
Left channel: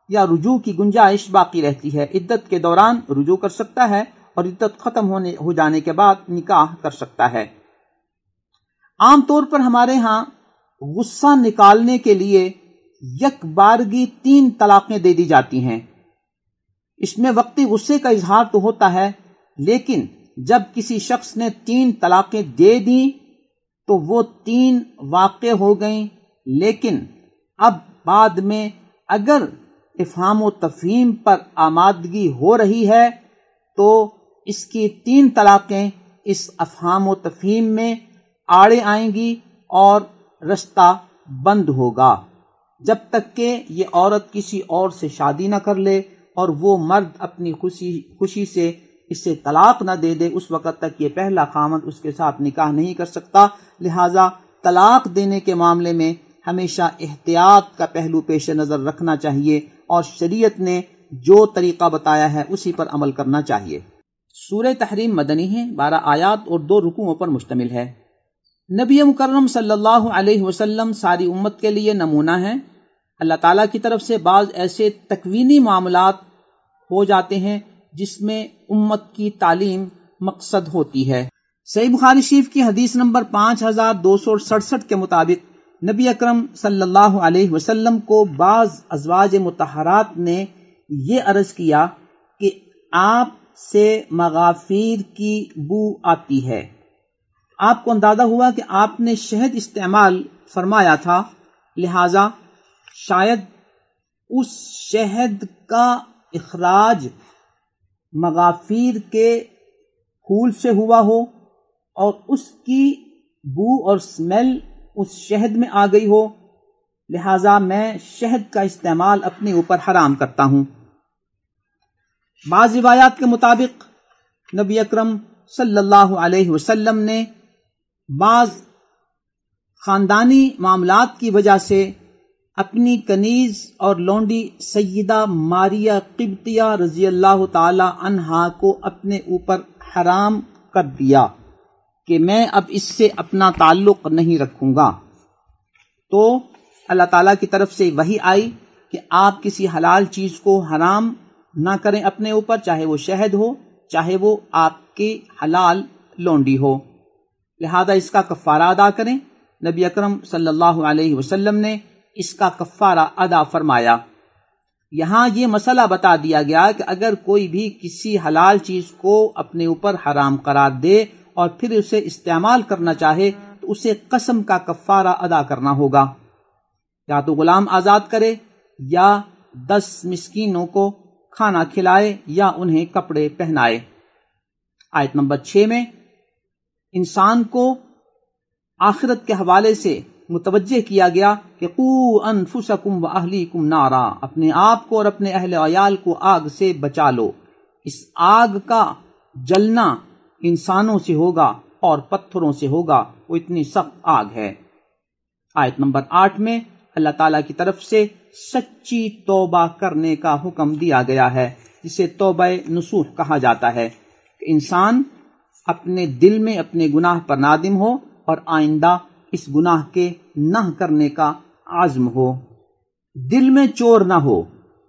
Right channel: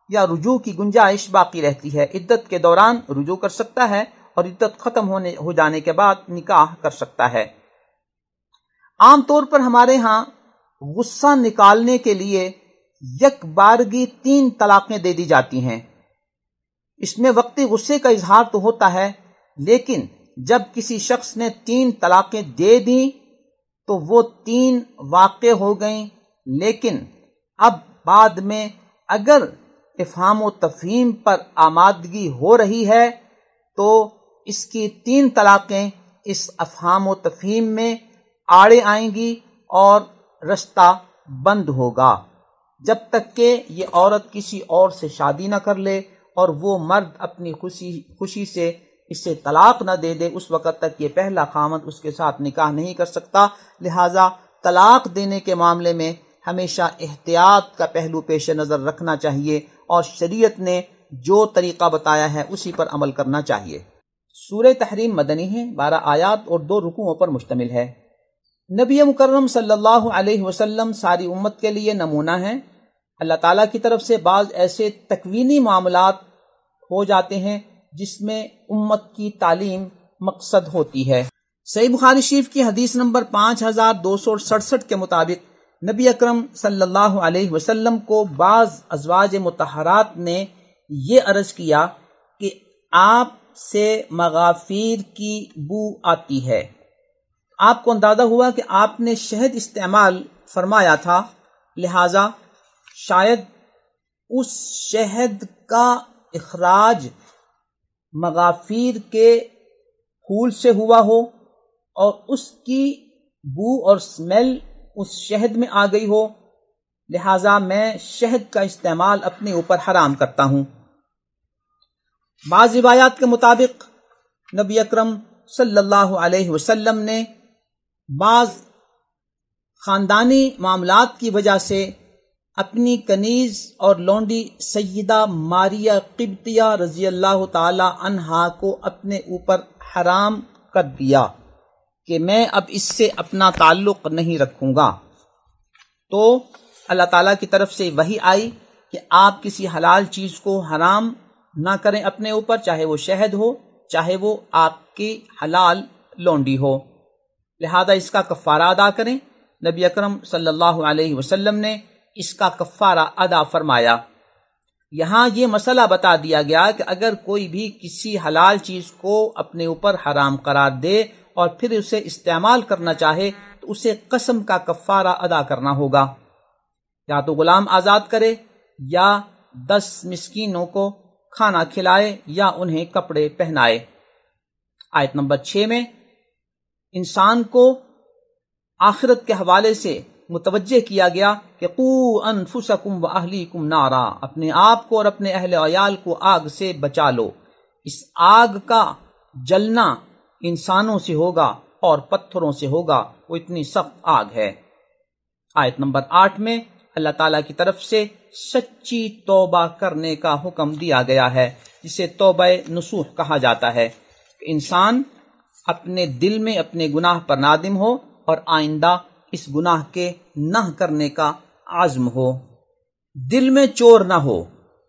یا رجوع کی گنجائش باقی رہتی ہے۔ عدت کے دوران رجوع کر سکتا ہے اور عدت ختم ہو جانے کے بعد نکاح کر سکتا ہے۔ عام طور پر ہمارے ہاں غصہ نکالنے کے لیے یک بارگی 3 طلاقیں دے دی جاتی ہیں۔ اس میں وقتی غصے کا اظہار تو ہوتا ہے، لیکن جب کسی شخص نے 3 طلاقیں دے دیں تو وہ 3 واقع ہو گئیں، لیکن اب بعد میں اگر افہام و تفہیم پر آمادگی ہو رہی ہے تو اس کی 3 طلاقیں اس افہام و تفہیم میں آڑے آئیں گی اور رشتہ بند ہوگا جب تک کہ یہ عورت کسی اور سے شادی نہ کر لے اور وہ مرد اپنی خوشی سے اس سے طلاق نہ دے دے، اس وقت تک یہ پہلا خاوند اس کے ساتھ نکاح نہیں کر سکتا۔ لہٰذا طلاق دینے کے معاملے میں ہمیشہ احتیاط کا پہلو پیش نظر رکھنا چاہیے اور شریعت نے جو طریقہ بتایا ہے اسی پر عمل کرنا چاہیے۔ سورہ تحریم مدنی ہے، 12 آیات اور 2 رکوعوں پر مشتمل ہے۔ نبی مکرم صلی اللہ علیہ وسلم ساری امت کے لیے نمونہ ہیں۔ اللہ تعالیٰ کی طرف سے بعض ایسے تکوینی معاملات ہو جاتے ہیں جس میں امت کی تعلیم مقصد ہوتی ہے۔ صحیح بخاری شریف کی حدیث نمبر 5267 کے مطابق نبی اکرم صلی اللہ علیہ وسلم کو بعض ازواج مطہرات نے یہ عرض کیا کہ آپ سے مغافیر کی بو آتی ہے۔ آپ کو اندازہ ہوا کہ آپ نے شہد استعمال فرمایا تھا، لہذا شاید اس شہد کا اخراج مغافیر کے پھول سے ہوا ہو اور اس کی بو اور سمیل اس شہد میں آ گئی ہو، لہذا میں شہد کا استعمال اپنے اوپر حرام کرتا ہوں۔ بعض روایات کے مطابق نبی اکرم صلی اللہ علیہ وسلم نے بعض خاندانی معاملات کی وجہ سے اپنی کنیز اور لونڈی سیدہ ماریہ قبطیہ رضی اللہ تعالی عنہا کو اپنے اوپر حرام کر دیا کہ میں اب اس سے اپنا تعلق نہیں رکھوں گا۔ تو اللہ تعالیٰ کی طرف سے وحی آئی کہ آپ کسی حلال چیز کو حرام نہ کریں اپنے اوپر، چاہے وہ شہد ہو چاہے وہ آپ کی حلال لونڈی ہو، لہذا اس کا کفارہ ادا کریں۔ نبی اکرم صلی اللہ علیہ وسلم نے اس کا کفارہ ادا فرمایا۔ یہاں یہ مسئلہ بتا دیا گیا کہ اگر کوئی بھی کسی حلال چیز کو اپنے اوپر حرام قرار دے اور پھر اسے استعمال کرنا چاہے تو اسے قسم کا کفارہ ادا کرنا ہوگا، یا تو غلام آزاد کرے یا 10 مسکینوں کو کھانا کھلائے یا انہیں کپڑے پہنائے۔ آیت نمبر 6 میں انسان کو آخرت کے حوالے سے متوجہ کیا گیا کہ قوا انفسکم واہلیکم نارا، اپنے آپ کو اور اپنے اہل عیال کو آگ سے بچا لو۔ اس آگ کا جلنا انسانوں سے ہوگا اور پتھروں سے ہوگا، وہ اتنی سخت آگ ہے۔ آیت نمبر 8 میں اللہ تعالیٰ کی طرف سے سچی توبہ کرنے کا حکم دیا گیا ہے، جسے توبہ نصوح کہا جاتا ہے، کہ انسان اپنے دل میں اپنے گناہ پر نادم ہو اور آئندہ اس گناہ کے نہ کرنے کا عزم ہو۔ دل میں چور نہ ہو،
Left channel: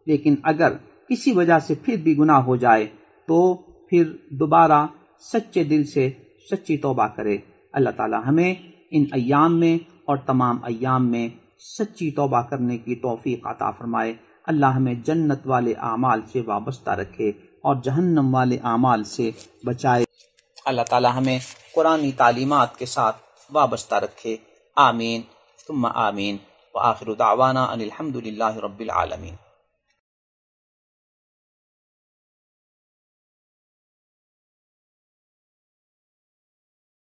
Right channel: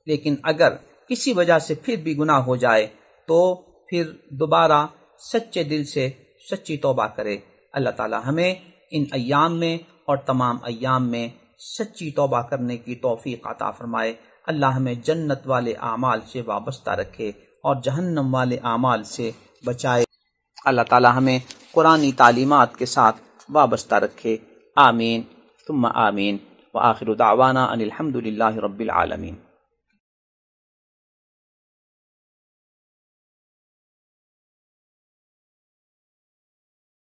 لیکن اگر کسی وجہ سے پھر بھی گناہ ہو جائے تو پھر دوبارہ سچے دل سے سچی توبہ کرے۔ اللہ تعالی ہمیں ان ایام میں اور تمام ایام میں سچی توبہ کرنے کی توفیق عطا فرمائے۔ اللہ ہمیں جنت والے اعمال سے وابستہ رکھے اور جہنم والے اعمال سے بچائے۔ اللہ تعالی ہمیں قرآنی تعلیمات کے ساتھ وابستہ رکھے۔ آمین ثم آمین، وآخر دعوانا ان الحمد للہ رب العالمین۔